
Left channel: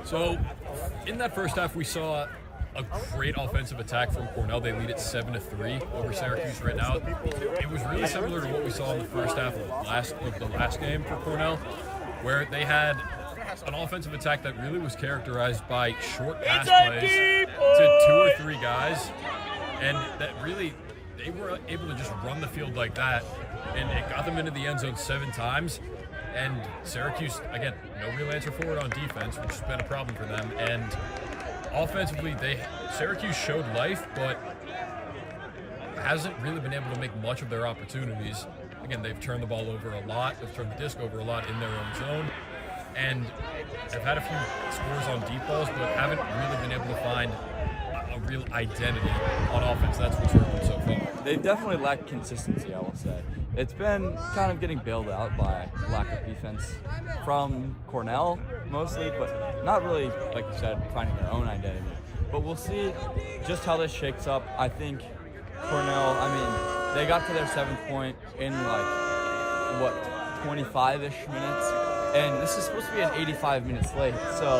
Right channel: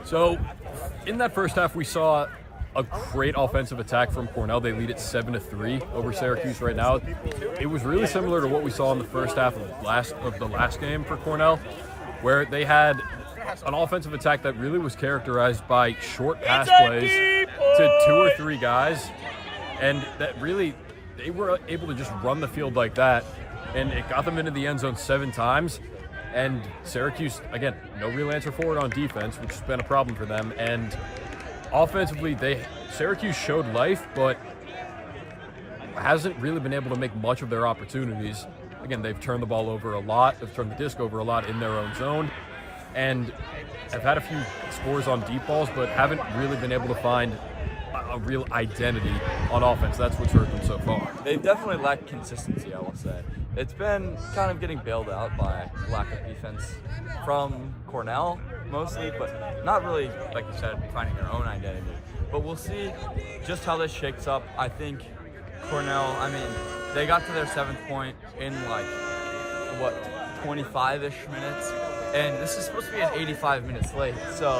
So, in that first half, we saw a great offensive attack from Cornell. They lead it 7-3 over Syracuse right now. It was really similar to what we saw in the first half of the last game for Cornell, where they had an offensive attack that really was characterized by short pass plays to 2 or 3 guys, and that really they were able to just run the field like that, and it got them into the end zone 7 times. And Syracuse, again, no real answer for it on defense, which has been a problem for them. And offensively, Syracuse showed life, but hasn't really been able to make much of their opportunities. Again, they've turned the ball over a lot. They've turned the disc over a lot in their own zone, and have had a few scores on deep balls, but haven't really been able to find a real identity on offense. That's what's hurt them so far. They definitely lack consistency, I will say. It's been kind of getting bailed out by lack of defense from Cornell mostly, but not really, like you said, finding their own identity. But we'll see just how this shakes up. I think Cornell, they got to their 7th point in 25-ish minutes, and this is supposed to be an 85 minutes late. So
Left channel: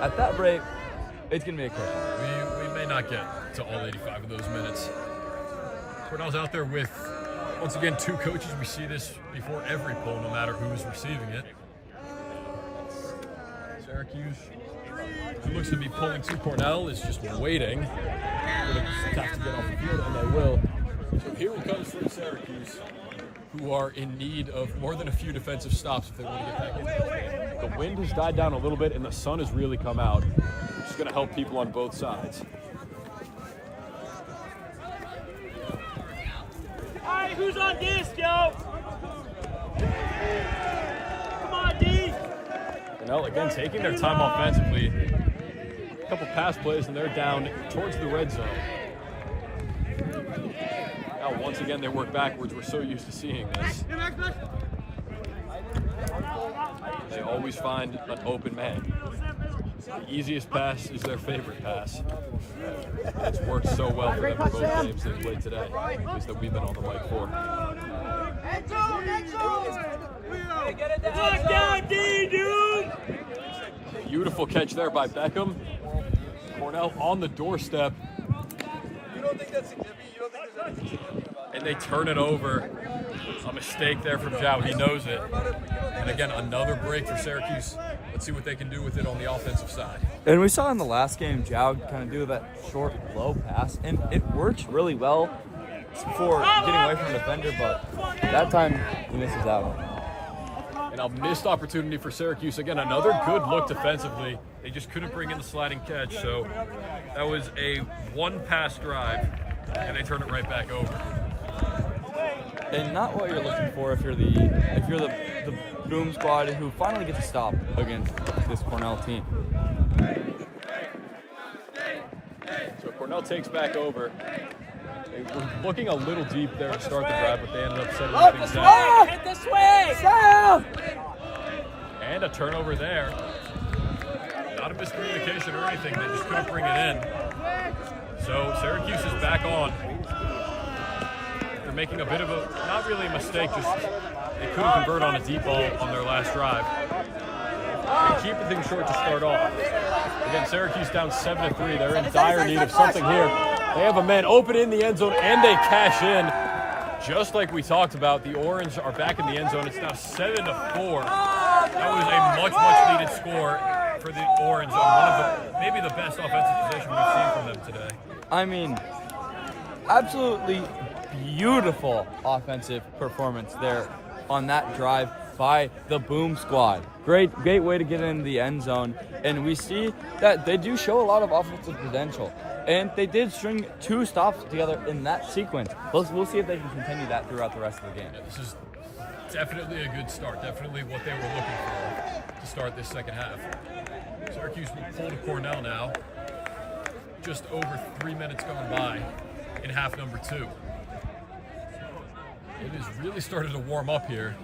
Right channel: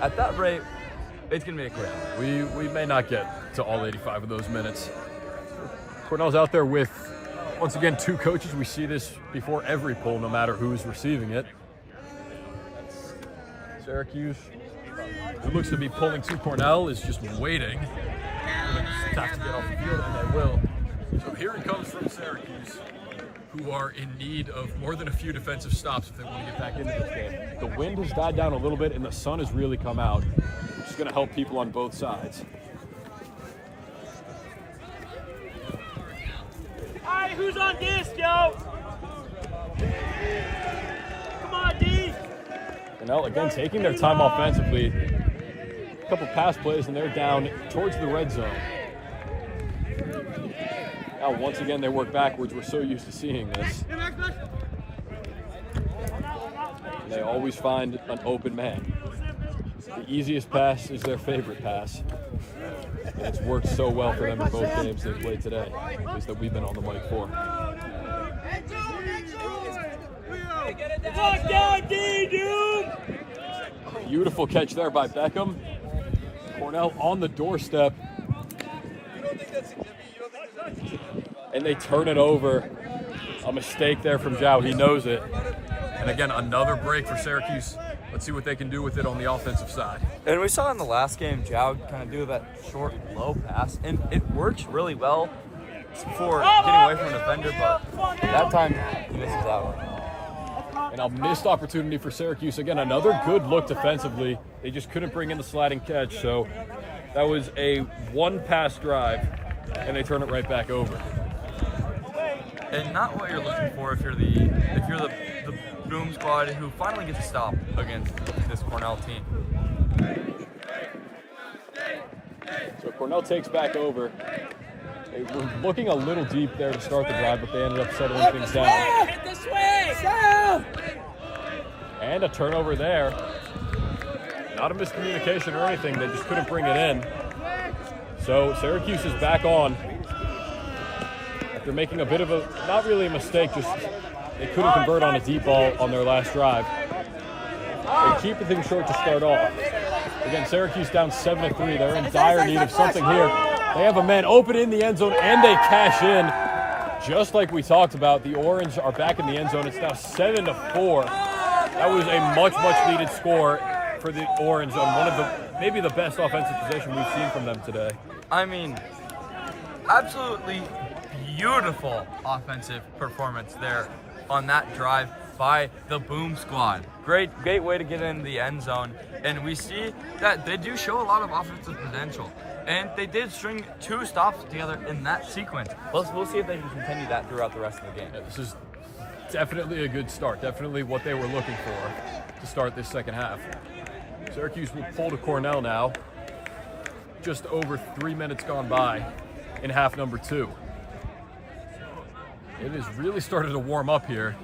at that rate, it's going to be a quick. We may not get to all 85 of those minutes. Cornell's out there with, once again, 2 coaches. We see this before every poll, no matter who's receiving it. Syracuse, who looks to be pulling to Cornell, is just waiting. So here it comes from Syracuse, who are in need of more than a few defensive stops if they want to get back in there. The wind has died down a little bit, and the sun has really come out, which is going to help people on both sides. All right, who's on disc, yo? Come on, D. Cornell, again, taking their time offensively. A couple pass plays, and they're down towards the red zone. Now, once again, they work backwards. We're so used to seeing this. They always find an open man. The easiest pass is their favorite pass. It's worked so well for them in both games they played today, is that we've been on the right court. Beautiful catch there by Beckham. Cornell on the doorstep. And they turn it over. A mistake there from Zhao. He knows it. And again, another break for Syracuse. Let's see what they can do with it on the offensive side. And we saw in the last game, Zhao kind of do that short, low pass, and it works really well for getting away from the defender, but that time he misses out. And a missed opportunity for Syracuse. Again, another good look defensively. They just couldn't bring in the sliding catch, so that was a 1-pass drive, and they turn it right back over. And not what you're looking for if you're the boom squad who finally gets a stop against this Cornell team. So Cornell takes back over. They were looking a little deep there to start the drive, but they ended up settling things down. Hit this way! And a turnover there. Not a miscommunication or anything. They just couldn't bring it in. So Syracuse is back on. They're making a bit of a, not really a mistake, just they couldn't convert on a deep ball on their last drive. They keep the thing short to start off. Again, Syracuse down 7-3. They're in dire need of something here. They have a man open in the end zone, and they cash in. Just like we talked about, the Orange are back in the end zone. It's now 7-4. That was a much, much needed score for the Orange on one of the, maybe the best offensive possession we've seen from them today. Absolutely beautiful offensive performance there on that drive by the Boom Squad. Great way to get in the end zone, and we see that they do show a lot of offensive potential, and they did string 2 stops together in that sequence. We'll see if they can continue that throughout the rest of the game. Yeah, this is definitely a good start, definitely what they were looking for to start this second half. Syracuse will pull to Cornell now, just over 3 minutes gone by in half number 2. It has really started to warm up here.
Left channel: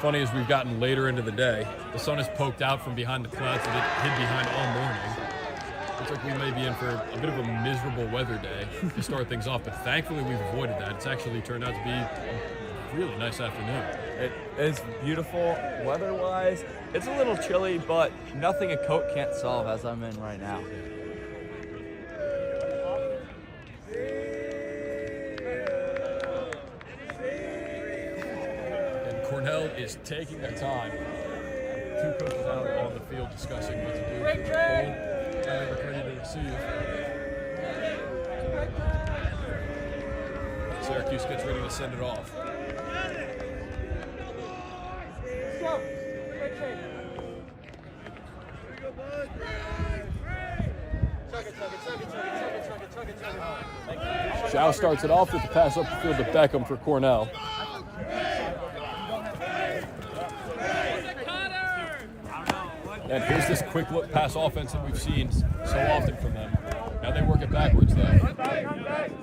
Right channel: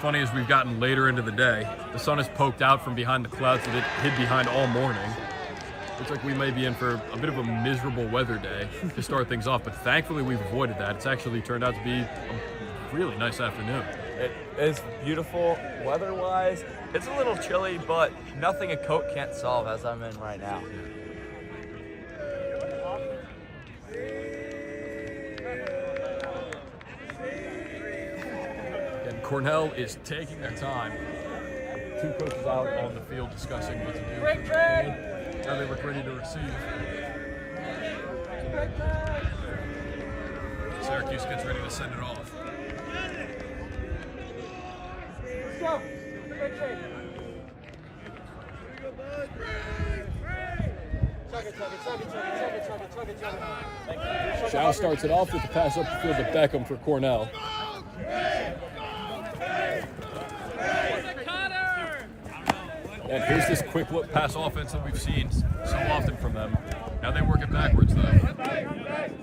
Funny as we've gotten later into the day, the sun has poked out from behind the clouds that it hid behind all morning. Looks like we may be in for a bit of a miserable weather day to start things off, but thankfully we've avoided that. It's actually turned out to be a really nice afternoon. It is beautiful weather-wise. It's a little chilly, but nothing a coat can't solve as I'm in right now. And Cornell is taking their time. Two coaches out on the field discussing what to do for the poll. Now they look ready to receive. Syracuse gets ready to send it off. Let's go. Zhao starts it off with the pass up the field to Beckham for Cornell. And here's this quick look pass offense that we've seen so often from them. Now they work it backwards though. That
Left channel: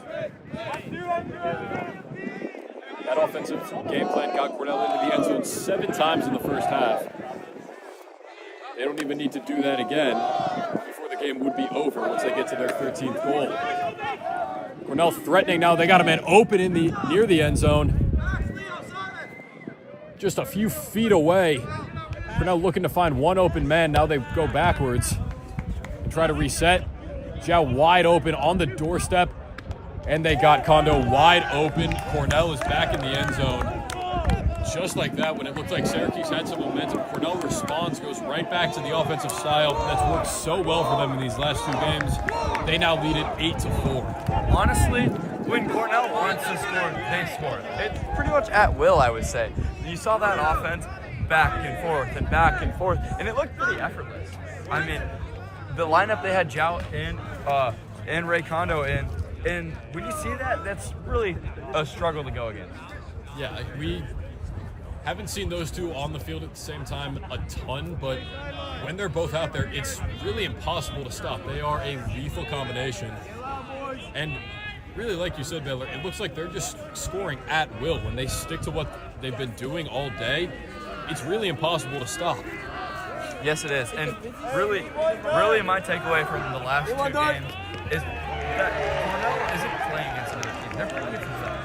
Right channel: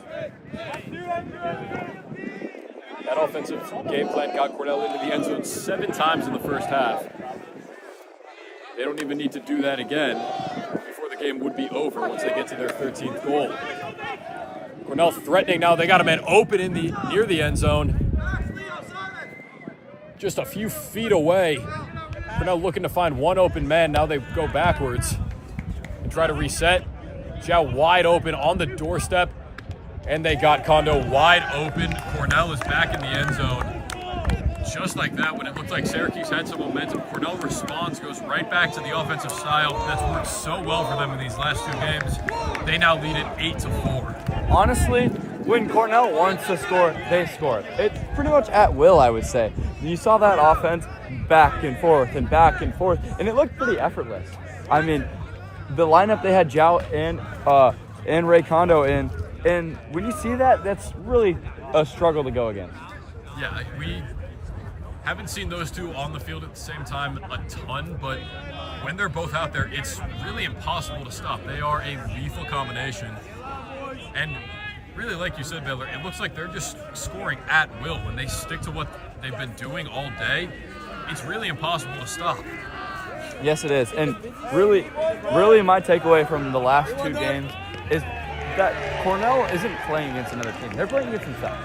offensive game plan got Cornell into the end zone 7 times in the first half. They don't even need to do that again before the game would be over once they get to their 13th goal. Cornell threatening now. They got a man open in near the end zone. Just a few feet away. Cornell looking to find one open man. Now they go backwards and try to reset. Zhao wide open on the doorstep. And they got Kondo wide open. Cornell is back in the end zone. Just like that, when it looked like Syracuse had some momentum, Cornell responds, goes right back to the offensive style that's worked so well for them in these last 2 games. They now lead it 8-4. Honestly, when Cornell wants to score, they score. It's pretty much at will, I would say. You saw that offense back and forth, and it looked pretty effortless. I mean, the lineup they had Zhao and Ray Kondo in, and when you see that, that's really a struggle to go against. Yeah, we haven't seen those two on the field at the same time a ton, but when they're both out there, it's really impossible to stop. They are a lethal combination. And really, like you said, Baylor, it looks like they're just scoring at will. When they stick to what they've been doing all day, it's really impossible to stop. Yes, it is. And really my takeaway from the last 2 games is that Cornell isn't playing against another team. They're playing against themselves.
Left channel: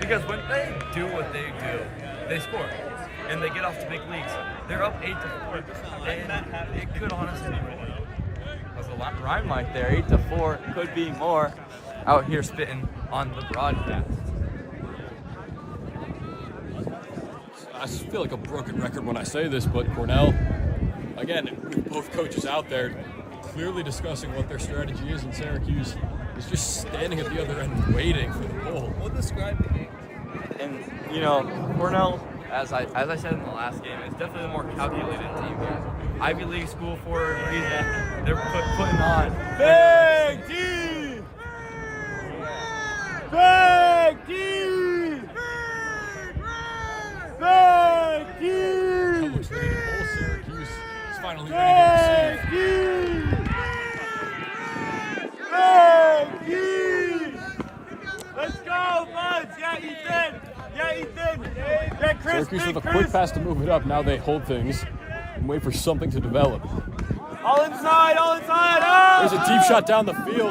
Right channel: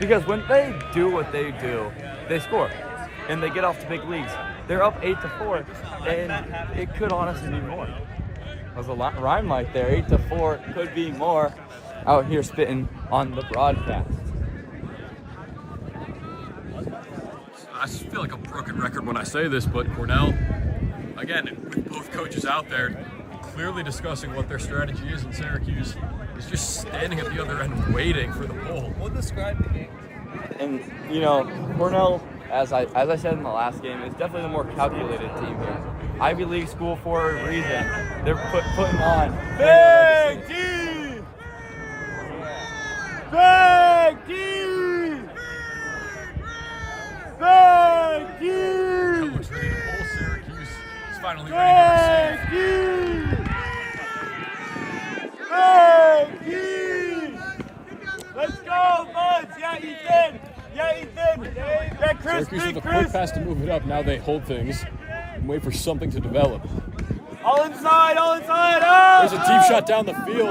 Because when they do what they do, they score. And they get off to big leads. They're up 8-4. And it could honestly be more. There's a lot rhyme right there. 8-4 could be more. Out here spitting on the broadcast. I feel like a broken record when I say this, but Cornell, again, with both coaches out there, clearly discussing what their strategy is, and Syracuse is just standing at the other end waiting for the ball. We'll describe the game. And, you know, Cornell, as I said in the last game, is definitely the more calculated team here. Ivy League school for a reason. They're putting on big team! Big team! Big team! Looks ready to bowl. Syracuse is finally ready to receive. Let's go, Buds! Yeah, Ethan! Yeah, Ethan! Yeah, Chris! Syracuse with a quick pass to move it up. Now they hold things and wait for something to develop. All inside! Oh! There's a deep shot down the field.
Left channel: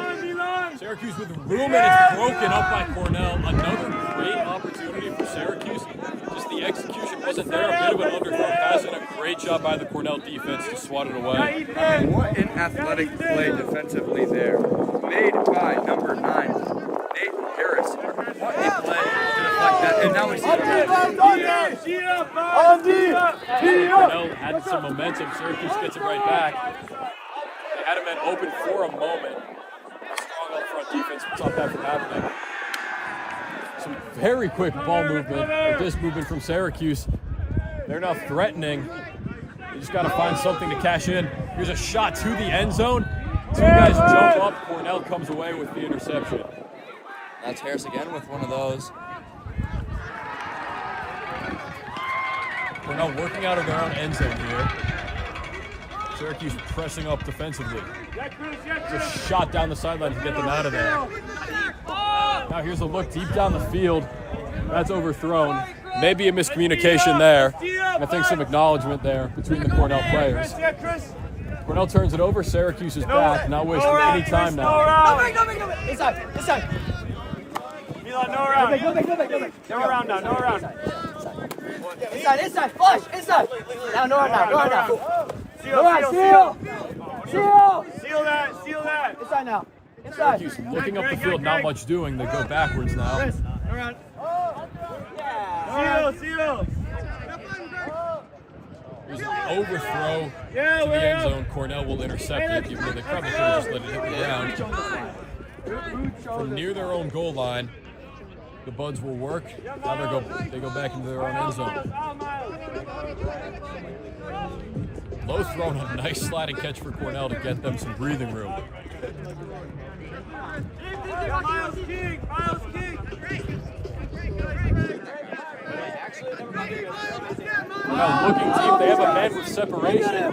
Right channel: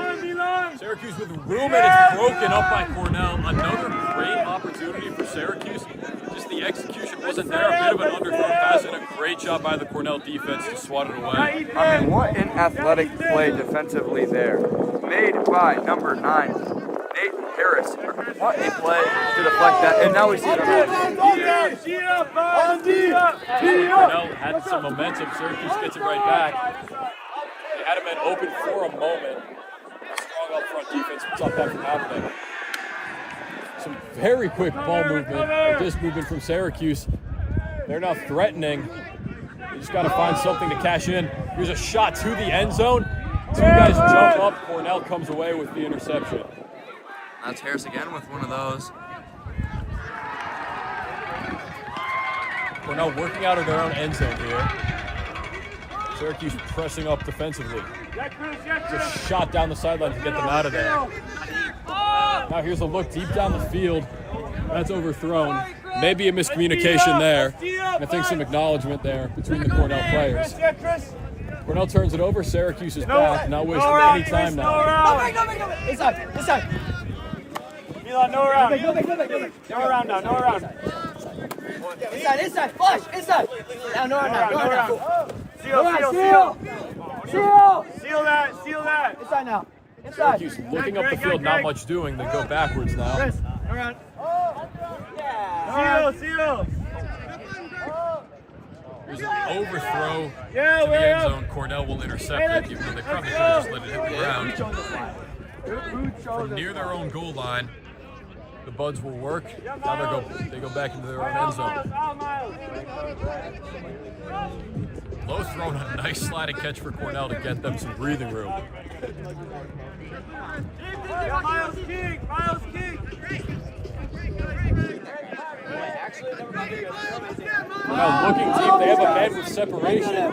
Syracuse with room, and it's broken up by Cornell. Another great opportunity for Syracuse. Just the execution wasn't there. A bit of an underthrown pass and a great job by the Cornell defense to swat it away. I mean, what an athletic play defensively there. Made by number 9, Nathan Harris. What a play to deflect that. And now we see Cornell had some momentum. Syracuse gets it right back. They had him at open for a moment. A strong up front defense puts up after that. Some very quick ball movement. This movement from Syracuse. They're now threatening. You just got to find something to cash in. Here's a shot to the end zone. 2 guys jump up. Cornell comes away with the interception. That's Harris again with one of those. Cornell working out of their own end zone here. Syracuse pressing up defensively. Just a shot down the sideline to get them out of there. Now here's a look deep down the field. That's overthrown. Maybe a miscommunication there. I think some acknowledgement there between the Cornell players. Cornell turns it over. Syracuse is back. Not wasting any time now. Inside. Elon, no around. Go back. No around now. Inside. Flush. Inside. Now, no around. Seal that. Inside now. Inside. Syracuse looking up the field, not much doing. They go backwards now. Chris, around. Seal. There's an overthrow Yeah, to the way end up. zone. Cornell will intercept it. Even though they probably should have just let it hit the ground. From near their own goal line, the Buds will work. Now they go back into their own end zone. Low throw and a nice sliding catch for Cornell to get them some breathing room. Miles King. Now looking deep, they have a man with separation.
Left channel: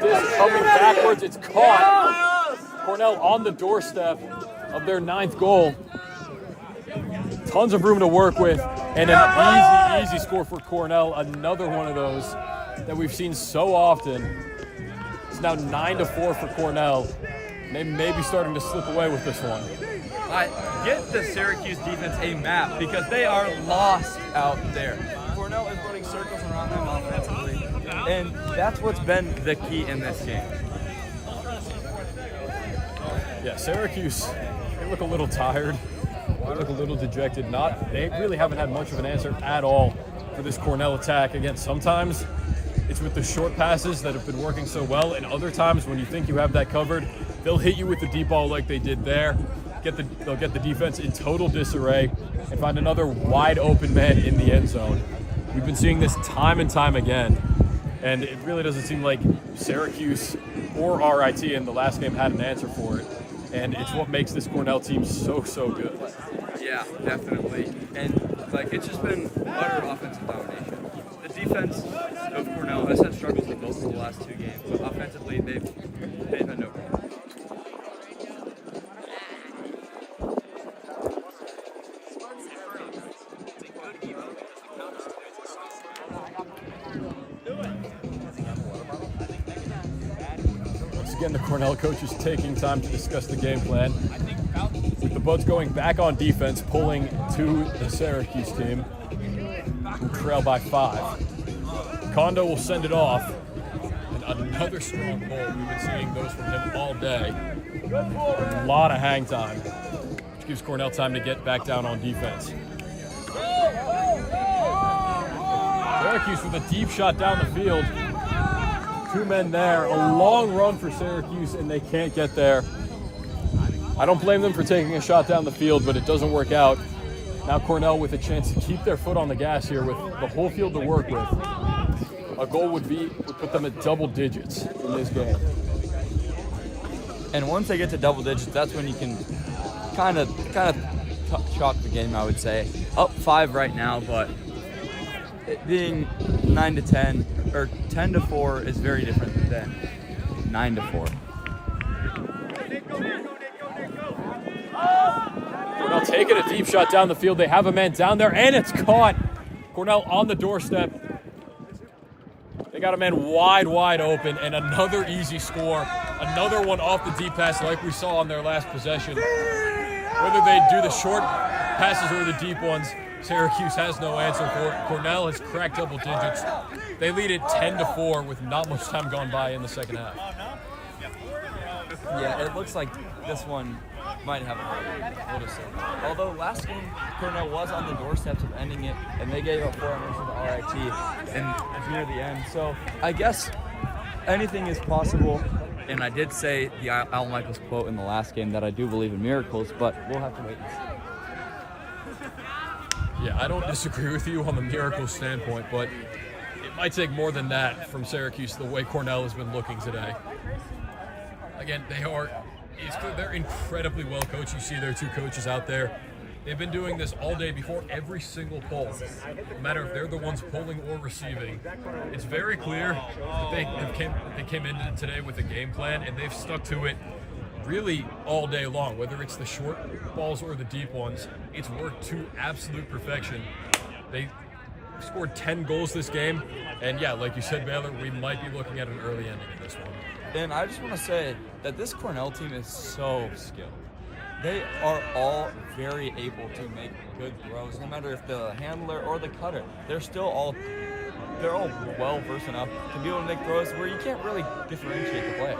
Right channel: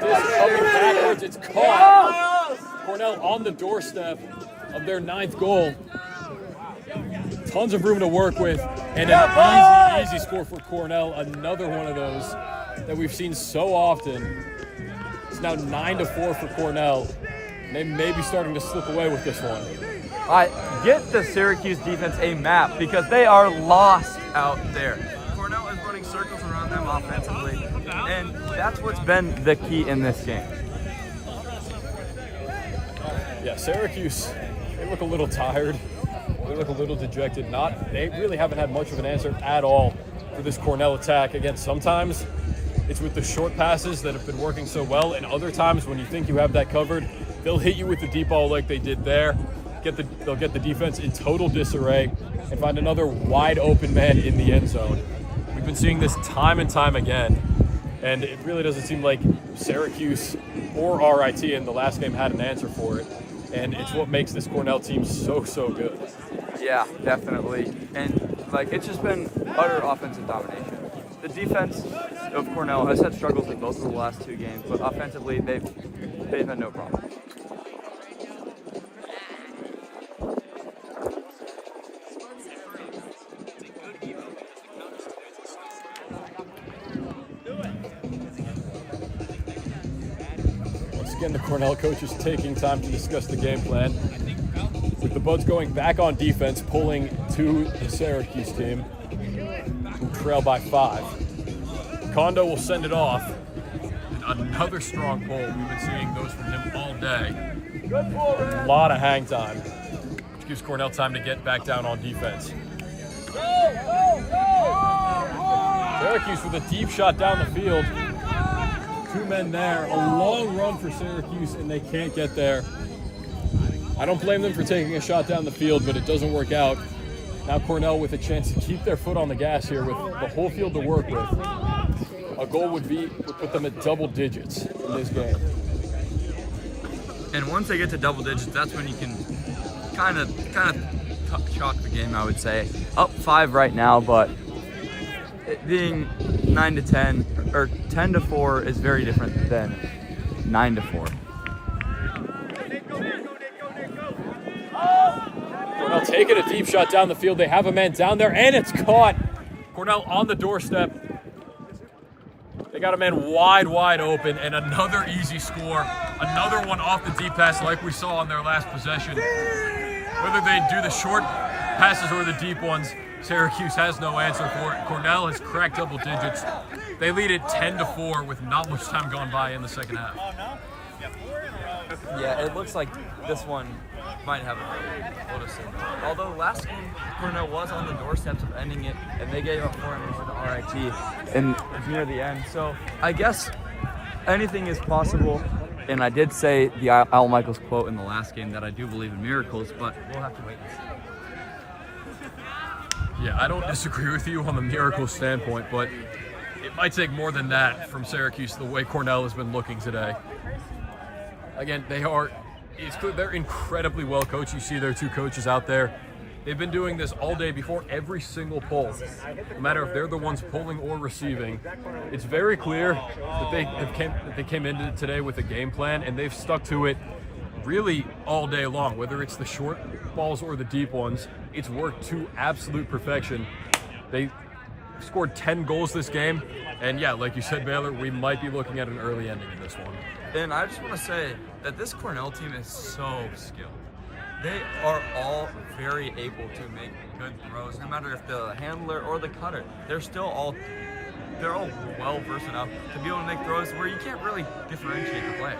This coming backwards, it's caught. Cornell on the doorstep of their 9th goal. Tons of room to work with, and an easy score for Cornell. Another one of those that we've seen so often. It's now 9-4 for Cornell. They may be starting to slip away with this one. Get the Syracuse defense a map because they are lost out there. Cornell is running circles around them offensively, and that's what's been the key in this game. Yeah, Syracuse, they look a little tired. They look a little dejected. They really haven't had much of an answer at all for this Cornell attack. Again, sometimes it's with the short passes that have been working so well, and other times when you think you have that covered, they'll hit you with the deep ball like they did there. They'll get the defense in total disarray and find another wide open man in the end zone. We've been seeing this time and time again, and it really doesn't seem like Syracuse or RIT in the last game had an answer for it. And it's what makes this Cornell team so good. Yeah, definitely. And it's just been utter offensive domination. The defense of Cornell has had struggles in both of the last 2 games, but offensively they've had no problem. Once again, the Cornell coach is taking time to discuss the game plan. With the Buds going back on defense, pulling to the Syracuse team. Trail by 5. Kondo will send it off. And another strong pull. We've been seeing those from him all day. A lot of hang time, which gives Cornell time to get back down on defense. Syracuse with a deep shot down the field. 2 men there. A long run for Syracuse, and they can't get there. I don't blame them for taking a shot down the field, but it doesn't work out. Now Cornell with a chance to keep their foot on the gas here with the whole field to work with. A goal would put them at double digits in this game. And once they get to double digits, that's when you can kind of chalk the game, I would say. Up 5 right now, but it being 9-10 or 10-4 is very different than 9-4. Cornell taking a deep shot down the field. They have a man down there, and it's caught. Cornell on the doorstep. They got a man wide open, and another easy score. Another one off the deep pass like we saw on their last possession. Whether they do the short passes or the deep ones, Syracuse has no answer for it. Cornell has cracked double digits. They lead it 10-4 with not much time gone by in the second half. Yeah, it looks like this one might have a little simple. Although last game, Cornell was on the doorsteps of ending it, and they gave up 4 runners for the RIT near the end. So I guess anything is possible. And I did say the Al Michaels quote in the last game that I do believe in miracles, but we'll have to wait and see. Yeah, I don't disagree with you on the miracle standpoint, but it might take more than that from Syracuse the way Cornell has been looking today. Again, they're incredibly well coached. You see their 2 coaches out there. They've been doing this all day before every single pull. No matter if they're the ones pulling or receiving, it's very clear that they came into today with a game plan, and they've stuck to it really all day long. Whether it's the short balls or the deep ones, it's worked to absolute perfection. They scored 10 goals this game, and yeah, like you said, Baylor, we might be looking at an early ending in this one. And I just want to say that this Cornell team is so skilled. They are all very able to make good throws, no matter if they're the handler or the cutter. They're all well versed enough to be able to make throws where you can't really differentiate the players.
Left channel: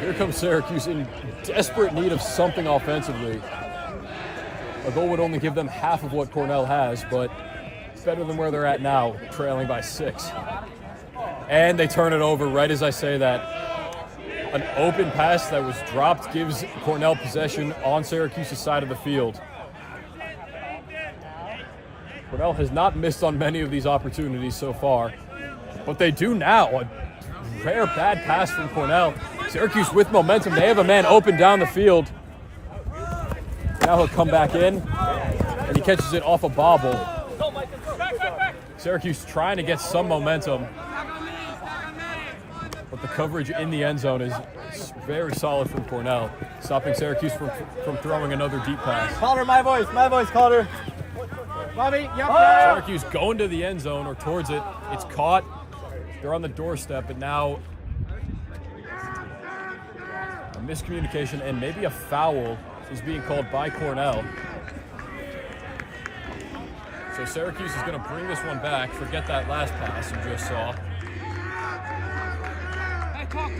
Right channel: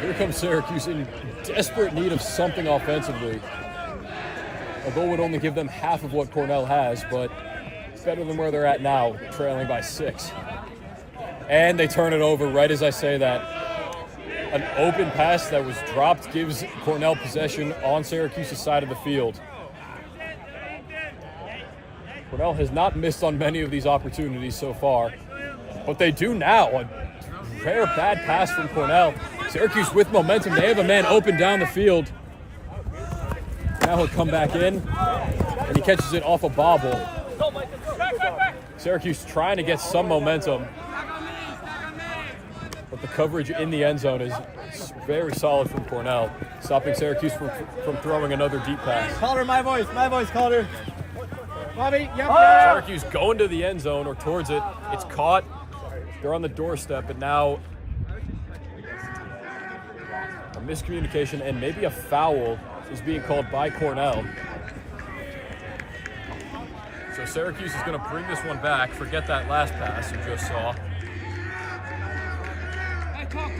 Here comes Syracuse in desperate need of something offensively. A goal would only give them half of what Cornell has, but it's better than where they're at now, trailing by 6. And they turn it over right as I say that. An open pass that was dropped gives Cornell possession on Syracuse's side of the field. Cornell has not missed on many of these opportunities so far, but they do now. A rare bad pass from Cornell. Syracuse with momentum. They have a man open down the field. Now he'll come back in, and he catches it off a bobble. Syracuse trying to get some momentum. But the coverage in the end zone is very solid from Cornell, stopping Syracuse from throwing another deep pass. Calder, my voice, Calder. Bobby, Syracuse going to the end zone or towards it. It's caught. They're on the doorstep, and now a miscommunication and maybe a foul is being called by Cornell. So Syracuse is going to bring this one back. Forget that last pass you just saw. Hey, talk.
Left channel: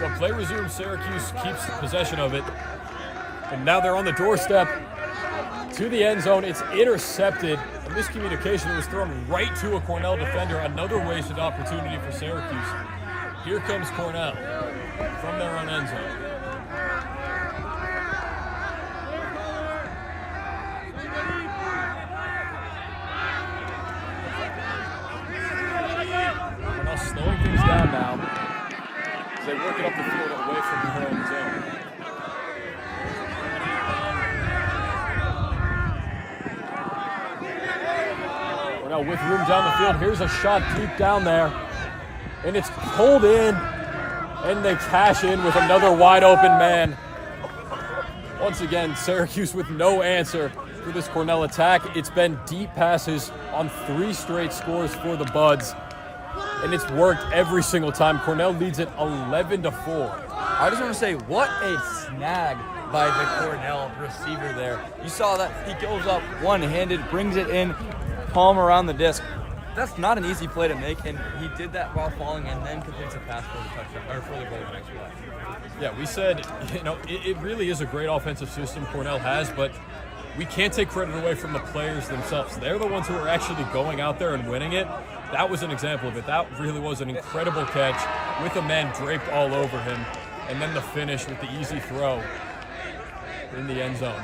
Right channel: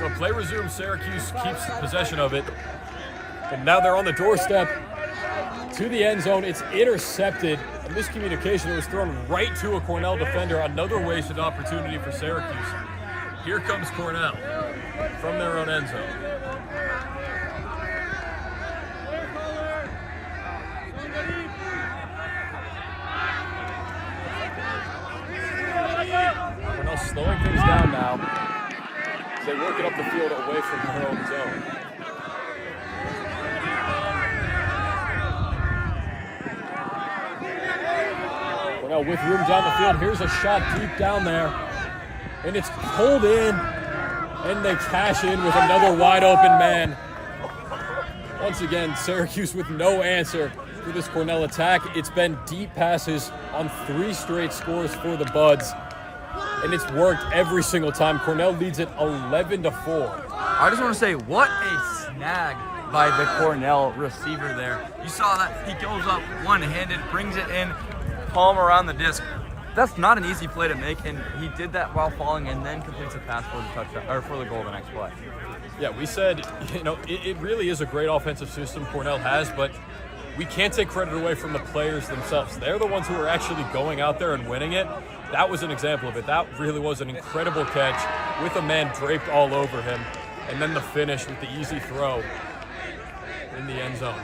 So play resumes. Syracuse keeps possession of it. And now they're on the doorstep to the end zone. It's intercepted. Miscommunication was thrown right to a Cornell defender. Another wasted opportunity for Syracuse. Here comes Cornell from their own end zone. Cornell slowing things down now. They want to get the field away from the end zone. Cornell with room down the field. Here's a shot deep down there. And it's pulled in, and they cash in with another wide open man. Once again, Syracuse with no answer for this Cornell attack. It's been deep passes on 3 straight scores for the Buds, and it's worked every single time. Cornell leads it 11-4. I just want to say, what a snag by the Cornell receiver there. You saw that he goes up one-handed, brings it in, palm around the disc. That's not an easy play to make, and he did that while falling and then completes a pass for the touchdown or for the goal the next play. Yeah, we said, it really is a great offensive system Cornell has, but we can't take credit away from the players themselves. They're the ones who are actually going out there and winning it. That was an example of it. That really was an incredible catch with a man draped all over him, and then the finish with the easy throw in the end zone.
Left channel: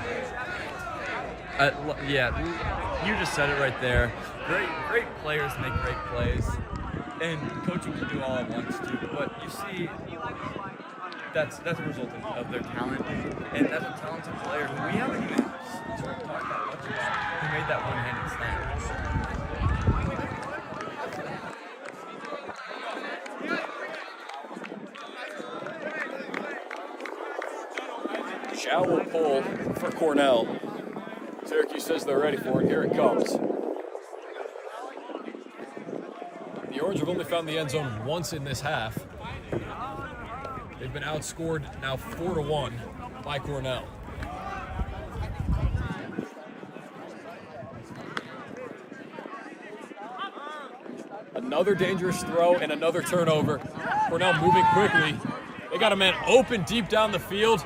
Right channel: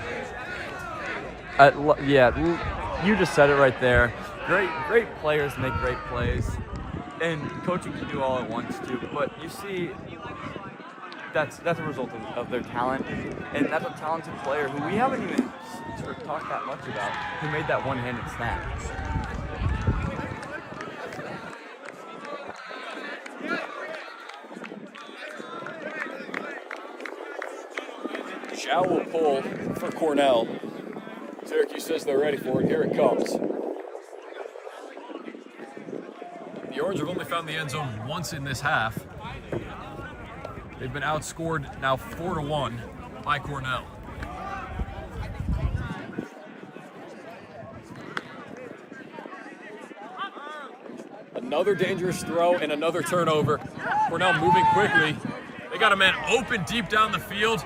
Yeah, you just said it right there. Great players make great plays, and coaching can do all at once too. But you see, that's a result of their talent, and that's a talented player who we haven't even sort of talked that much about, who made that one-handed snap. Shower pull for Cornell. Syracuse says they're ready for it. Here it comes. The Orange have only found the end zone once in this half. They've been outscored now 4-1 by Cornell. Another dangerous throw and another turnover. Cornell moving quickly. They got a man open deep down the field.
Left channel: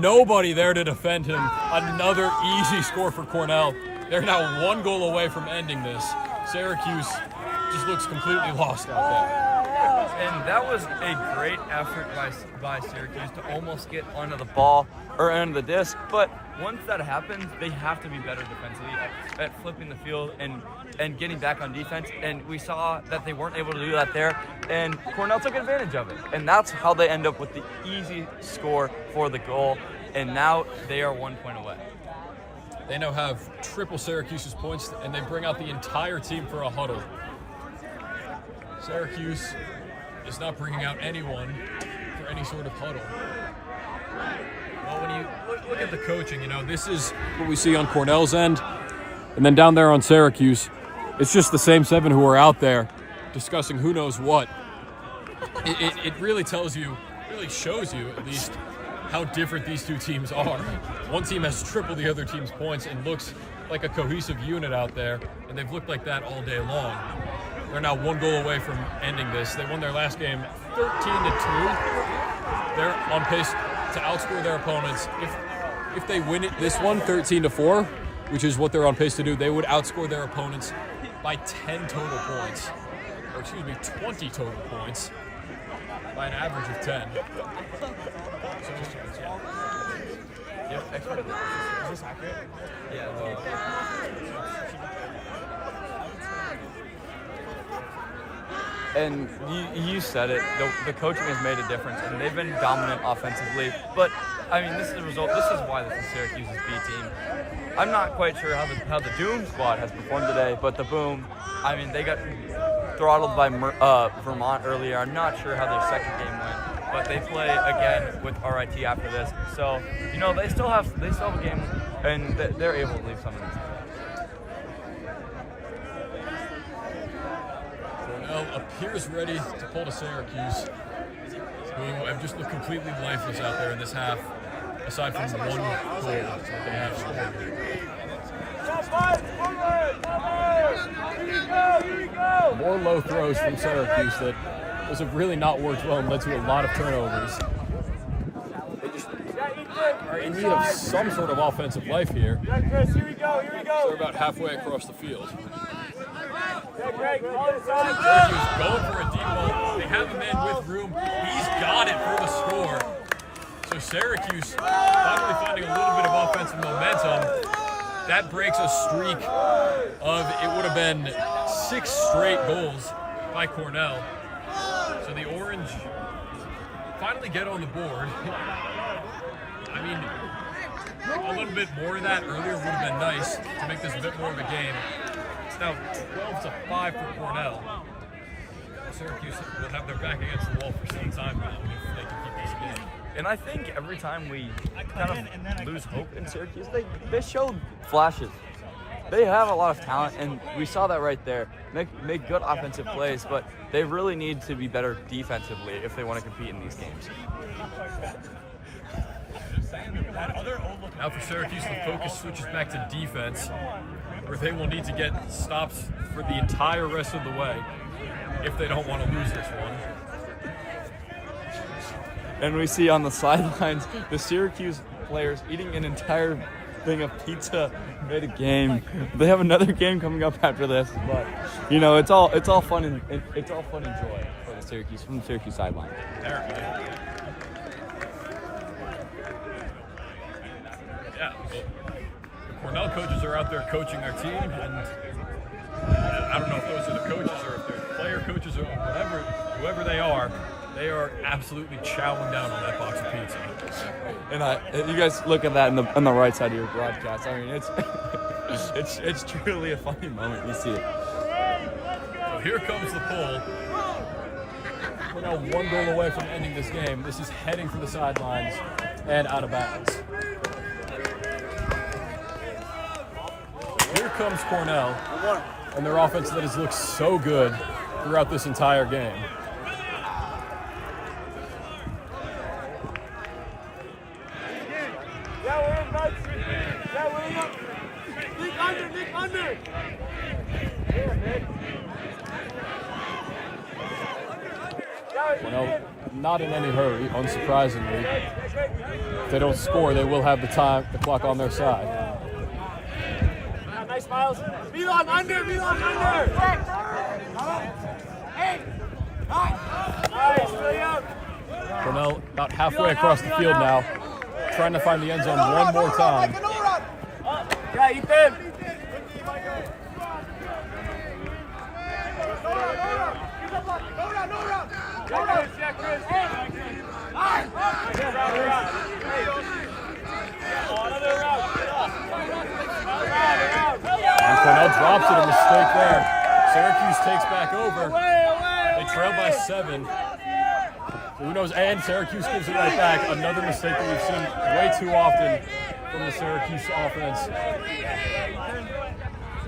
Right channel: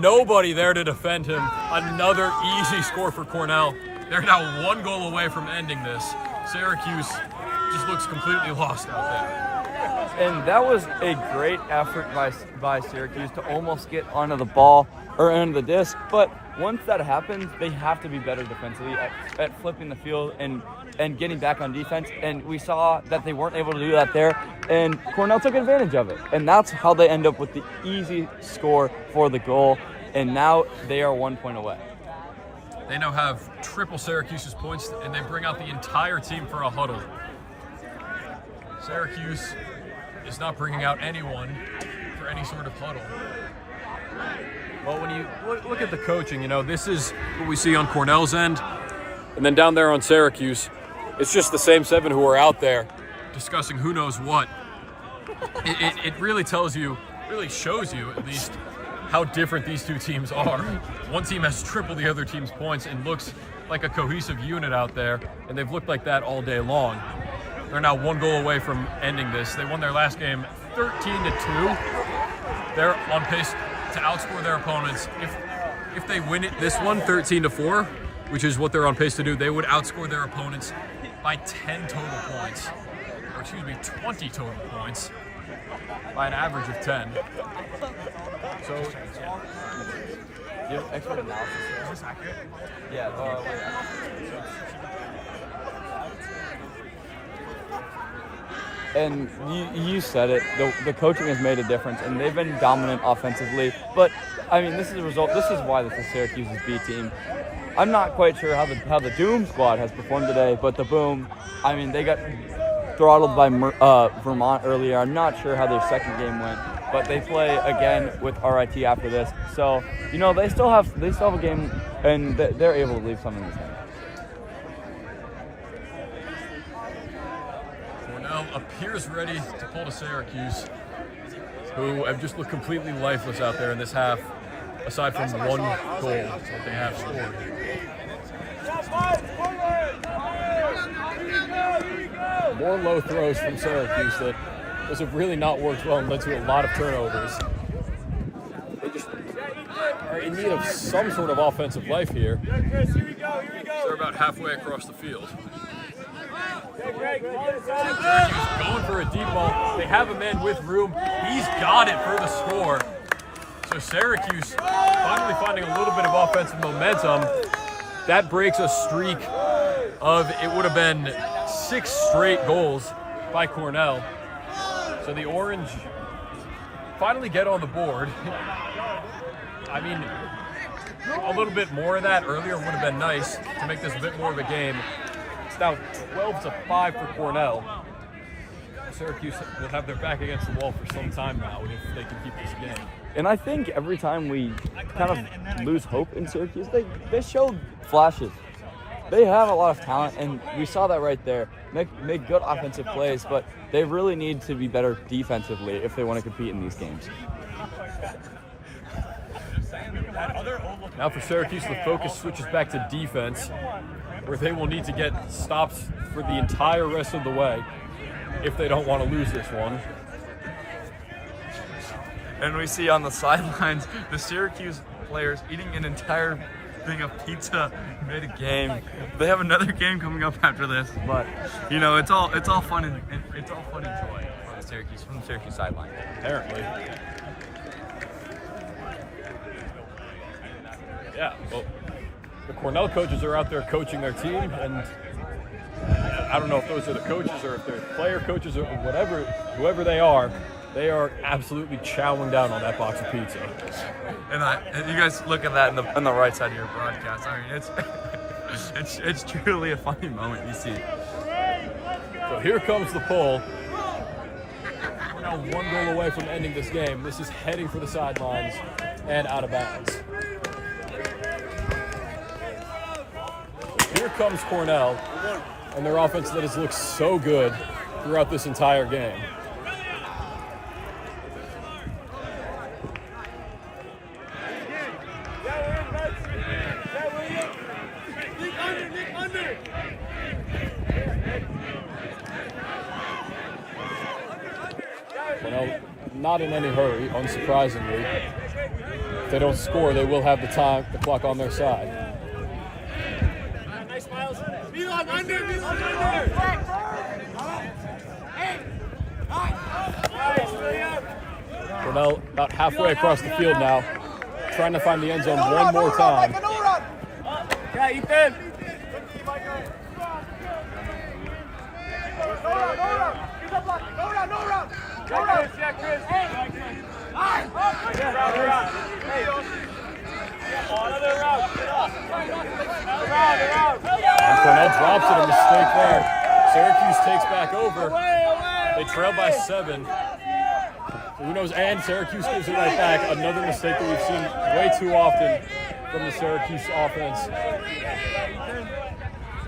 Nobody there to defend him. Another easy score for Cornell. They're now 1 goal away from ending this. Syracuse just looks completely lost out there. And that was a great effort by Syracuse to almost get onto the ball or onto the disc. But once that happens, they have to be better defensively at flipping the field and getting back on defense. And we saw that they weren't able to do that there. And Cornell took advantage of it. And that's how they end up with the easy score for the goal. And now they are 1 point away. They now have triple Syracuse's points, and they bring out the entire team for a huddle. Syracuse is not bringing out anyone for any sort of huddle. Well, when you look at the coaching, this is what we see on Cornell's end. And then down there on Syracuse, it's just the same 7 who are out there discussing who knows what. It really tells you, really shows you at least, how different these two teams are. One team has triple the other team's points and looks like a cohesive unit out there, and they've looked like that all day long. They're now 1 goal away from ending this. They won their last game 13-2. They're on pace to outscore their opponents. If they win this one 13-4, which is what they're on pace to do, they would outscore their opponents by 10 total points, or 20 total points, by an average of 10. So, yep. Is this accurate? Yeah. And you said it, the coaching has made a difference, and they've been dominant offensively. But, I mean, this is the result. This is why this is Syracuse's B team. I'm not quite sure how the Doom squad has performed today, but the Boom, I mean, they got throttled by Vermont earlier. I'm not sure how their second game went, but they play again with RIT after this. So, they still have a game, and they're able to leave something. Cornell appears ready to pull to Syracuse, who have just looked completely lifeless out there in this half, aside from 1 goal that they have scored. More low throws from Syracuse that those have really not worked well and led to a lot of turnovers. They just are in need of some sort of offensive life here. Here we go. They're about halfway across the field. Syracuse going for a deep ball. They have a man with room. He's got it for the score. So Syracuse finally finding a little bit of offensive momentum. That breaks a streak of, it would have been 6 straight goals by Cornell. So the Orange finally get on the board. I mean, a little bit more of that earlier would have been nice to make this a bit more of a game. It's now 12-5 for Cornell. Syracuse will have their back against the wall for some time now if they can keep this game. And I think every time we kind of lose hope in Syracuse, they showed flashes. They have a lot of talent, and we saw that right there. Make good offensive plays, but they really need to be better defensively if they want to compete in these games. Now for Syracuse, the focus switches back to defense, where they will need to get stops for the entire rest of the way if they don't want to lose this one. And we see on the sidelines the Syracuse players eating an entire thing of pizza mid-game. They have another game coming up after this, but it's all fun and it's all fun and joy for the Syracuse sideline. Apparently. Yeah, well, the Cornell coaches are out there coaching their team, and I don't know if those are the coaches or if they're player coaches or whoever they are absolutely chowing down on that box of pizza. And you guys look at that in the right side of your broadcast. I mean, it's truly a funny moment. You see it. So here comes the pull. We're now 1 goal away from ending this game. This is heading for the sidelines and out of bounds. Here comes Cornell and their offense that has looked so good throughout this entire game. Not in any hurry, unsurprisingly. If they don't score, they will have the clock on their side. Nice, Miles. Milan under. Cornell about halfway across the field now, trying to find the end zone one more time. Yeah, Ethan. Go down, Chris. Another round. Cornell drops it, a mistake there. Syracuse takes back over. They trail by 7. Who knows? And Syracuse gives it right back. Another mistake that we've seen way too often from the Syracuse offense.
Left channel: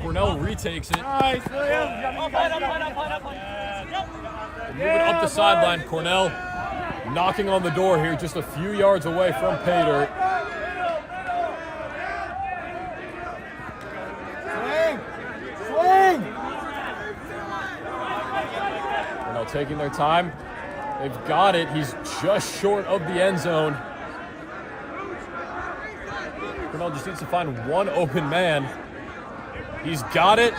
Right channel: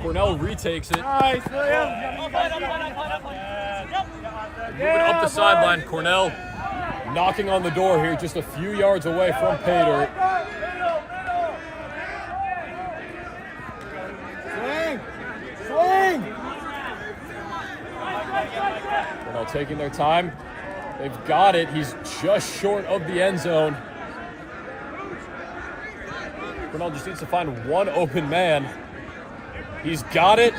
Cornell retakes it. Nice, William. Up the sideline, Cornell knocking on the door here, just a few yards away from pay dirt. Swing. Cornell taking their time. They've got it. He's just short of the end zone. Cornell just needs to find one open man. He's got it.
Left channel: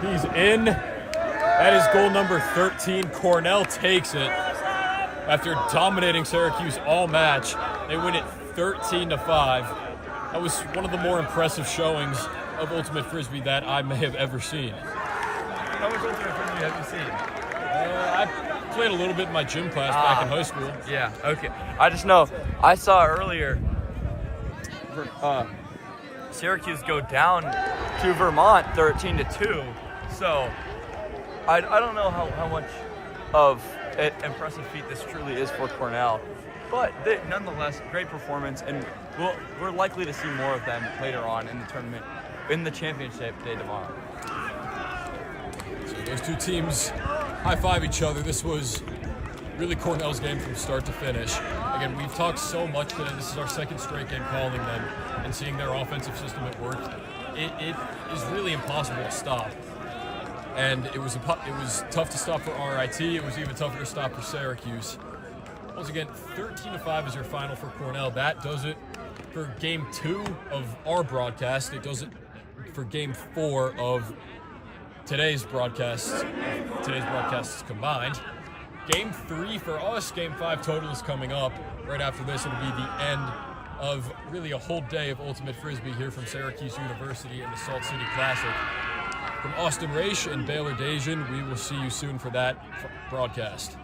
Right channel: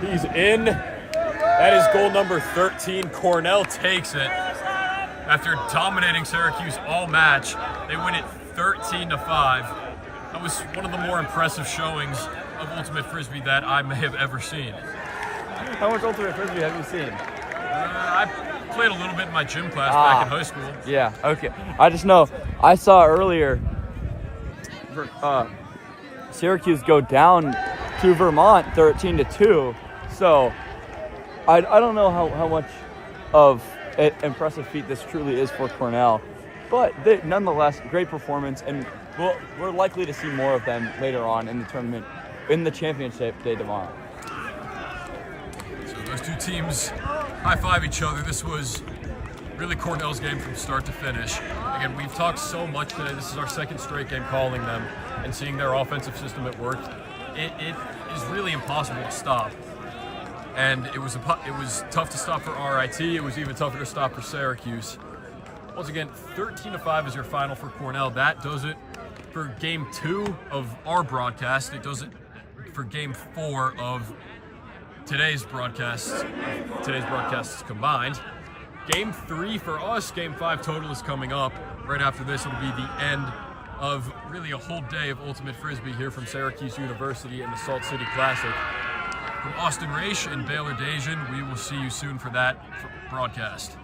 He's in. That is goal number 13. Cornell takes it. After dominating Syracuse all match, they win it 13-5. That was one of the more impressive showings of Ultimate Frisbee that I may have ever seen. How much Ultimate Frisbee have you seen? I played a little bit in my gym class back in high school. Yeah, okay. I just know, I saw earlier Syracuse go down to Vermont 13-2. So I don't know how much of an impressive feat this truly is for Cornell. But nonetheless, great performance, and we're likely to see more of them later on in the tournament, in the championship day tomorrow. So those two teams high-five each other. This was really Cornell's game from start to finish. Again, we've talked so much today. This is our second straight game calling them and seeing their offensive system at work. It is really impossible to stop. And it was tough to stop for RIT. It was even tougher to stop for Syracuse. Once again, 13-5 is your final for Cornell. That does it for Game 2 of our broadcast. It does it for Game 4 of today's broadcasts combined. Game 3 for us, Game 5 total is coming up. Right after this, it'll be the end of really a whole day of Ultimate Frisbee here from Syracuse University and the Salt City Classic. From Austin Raish and Baylor Dajan, we will see you soon for that broadcast.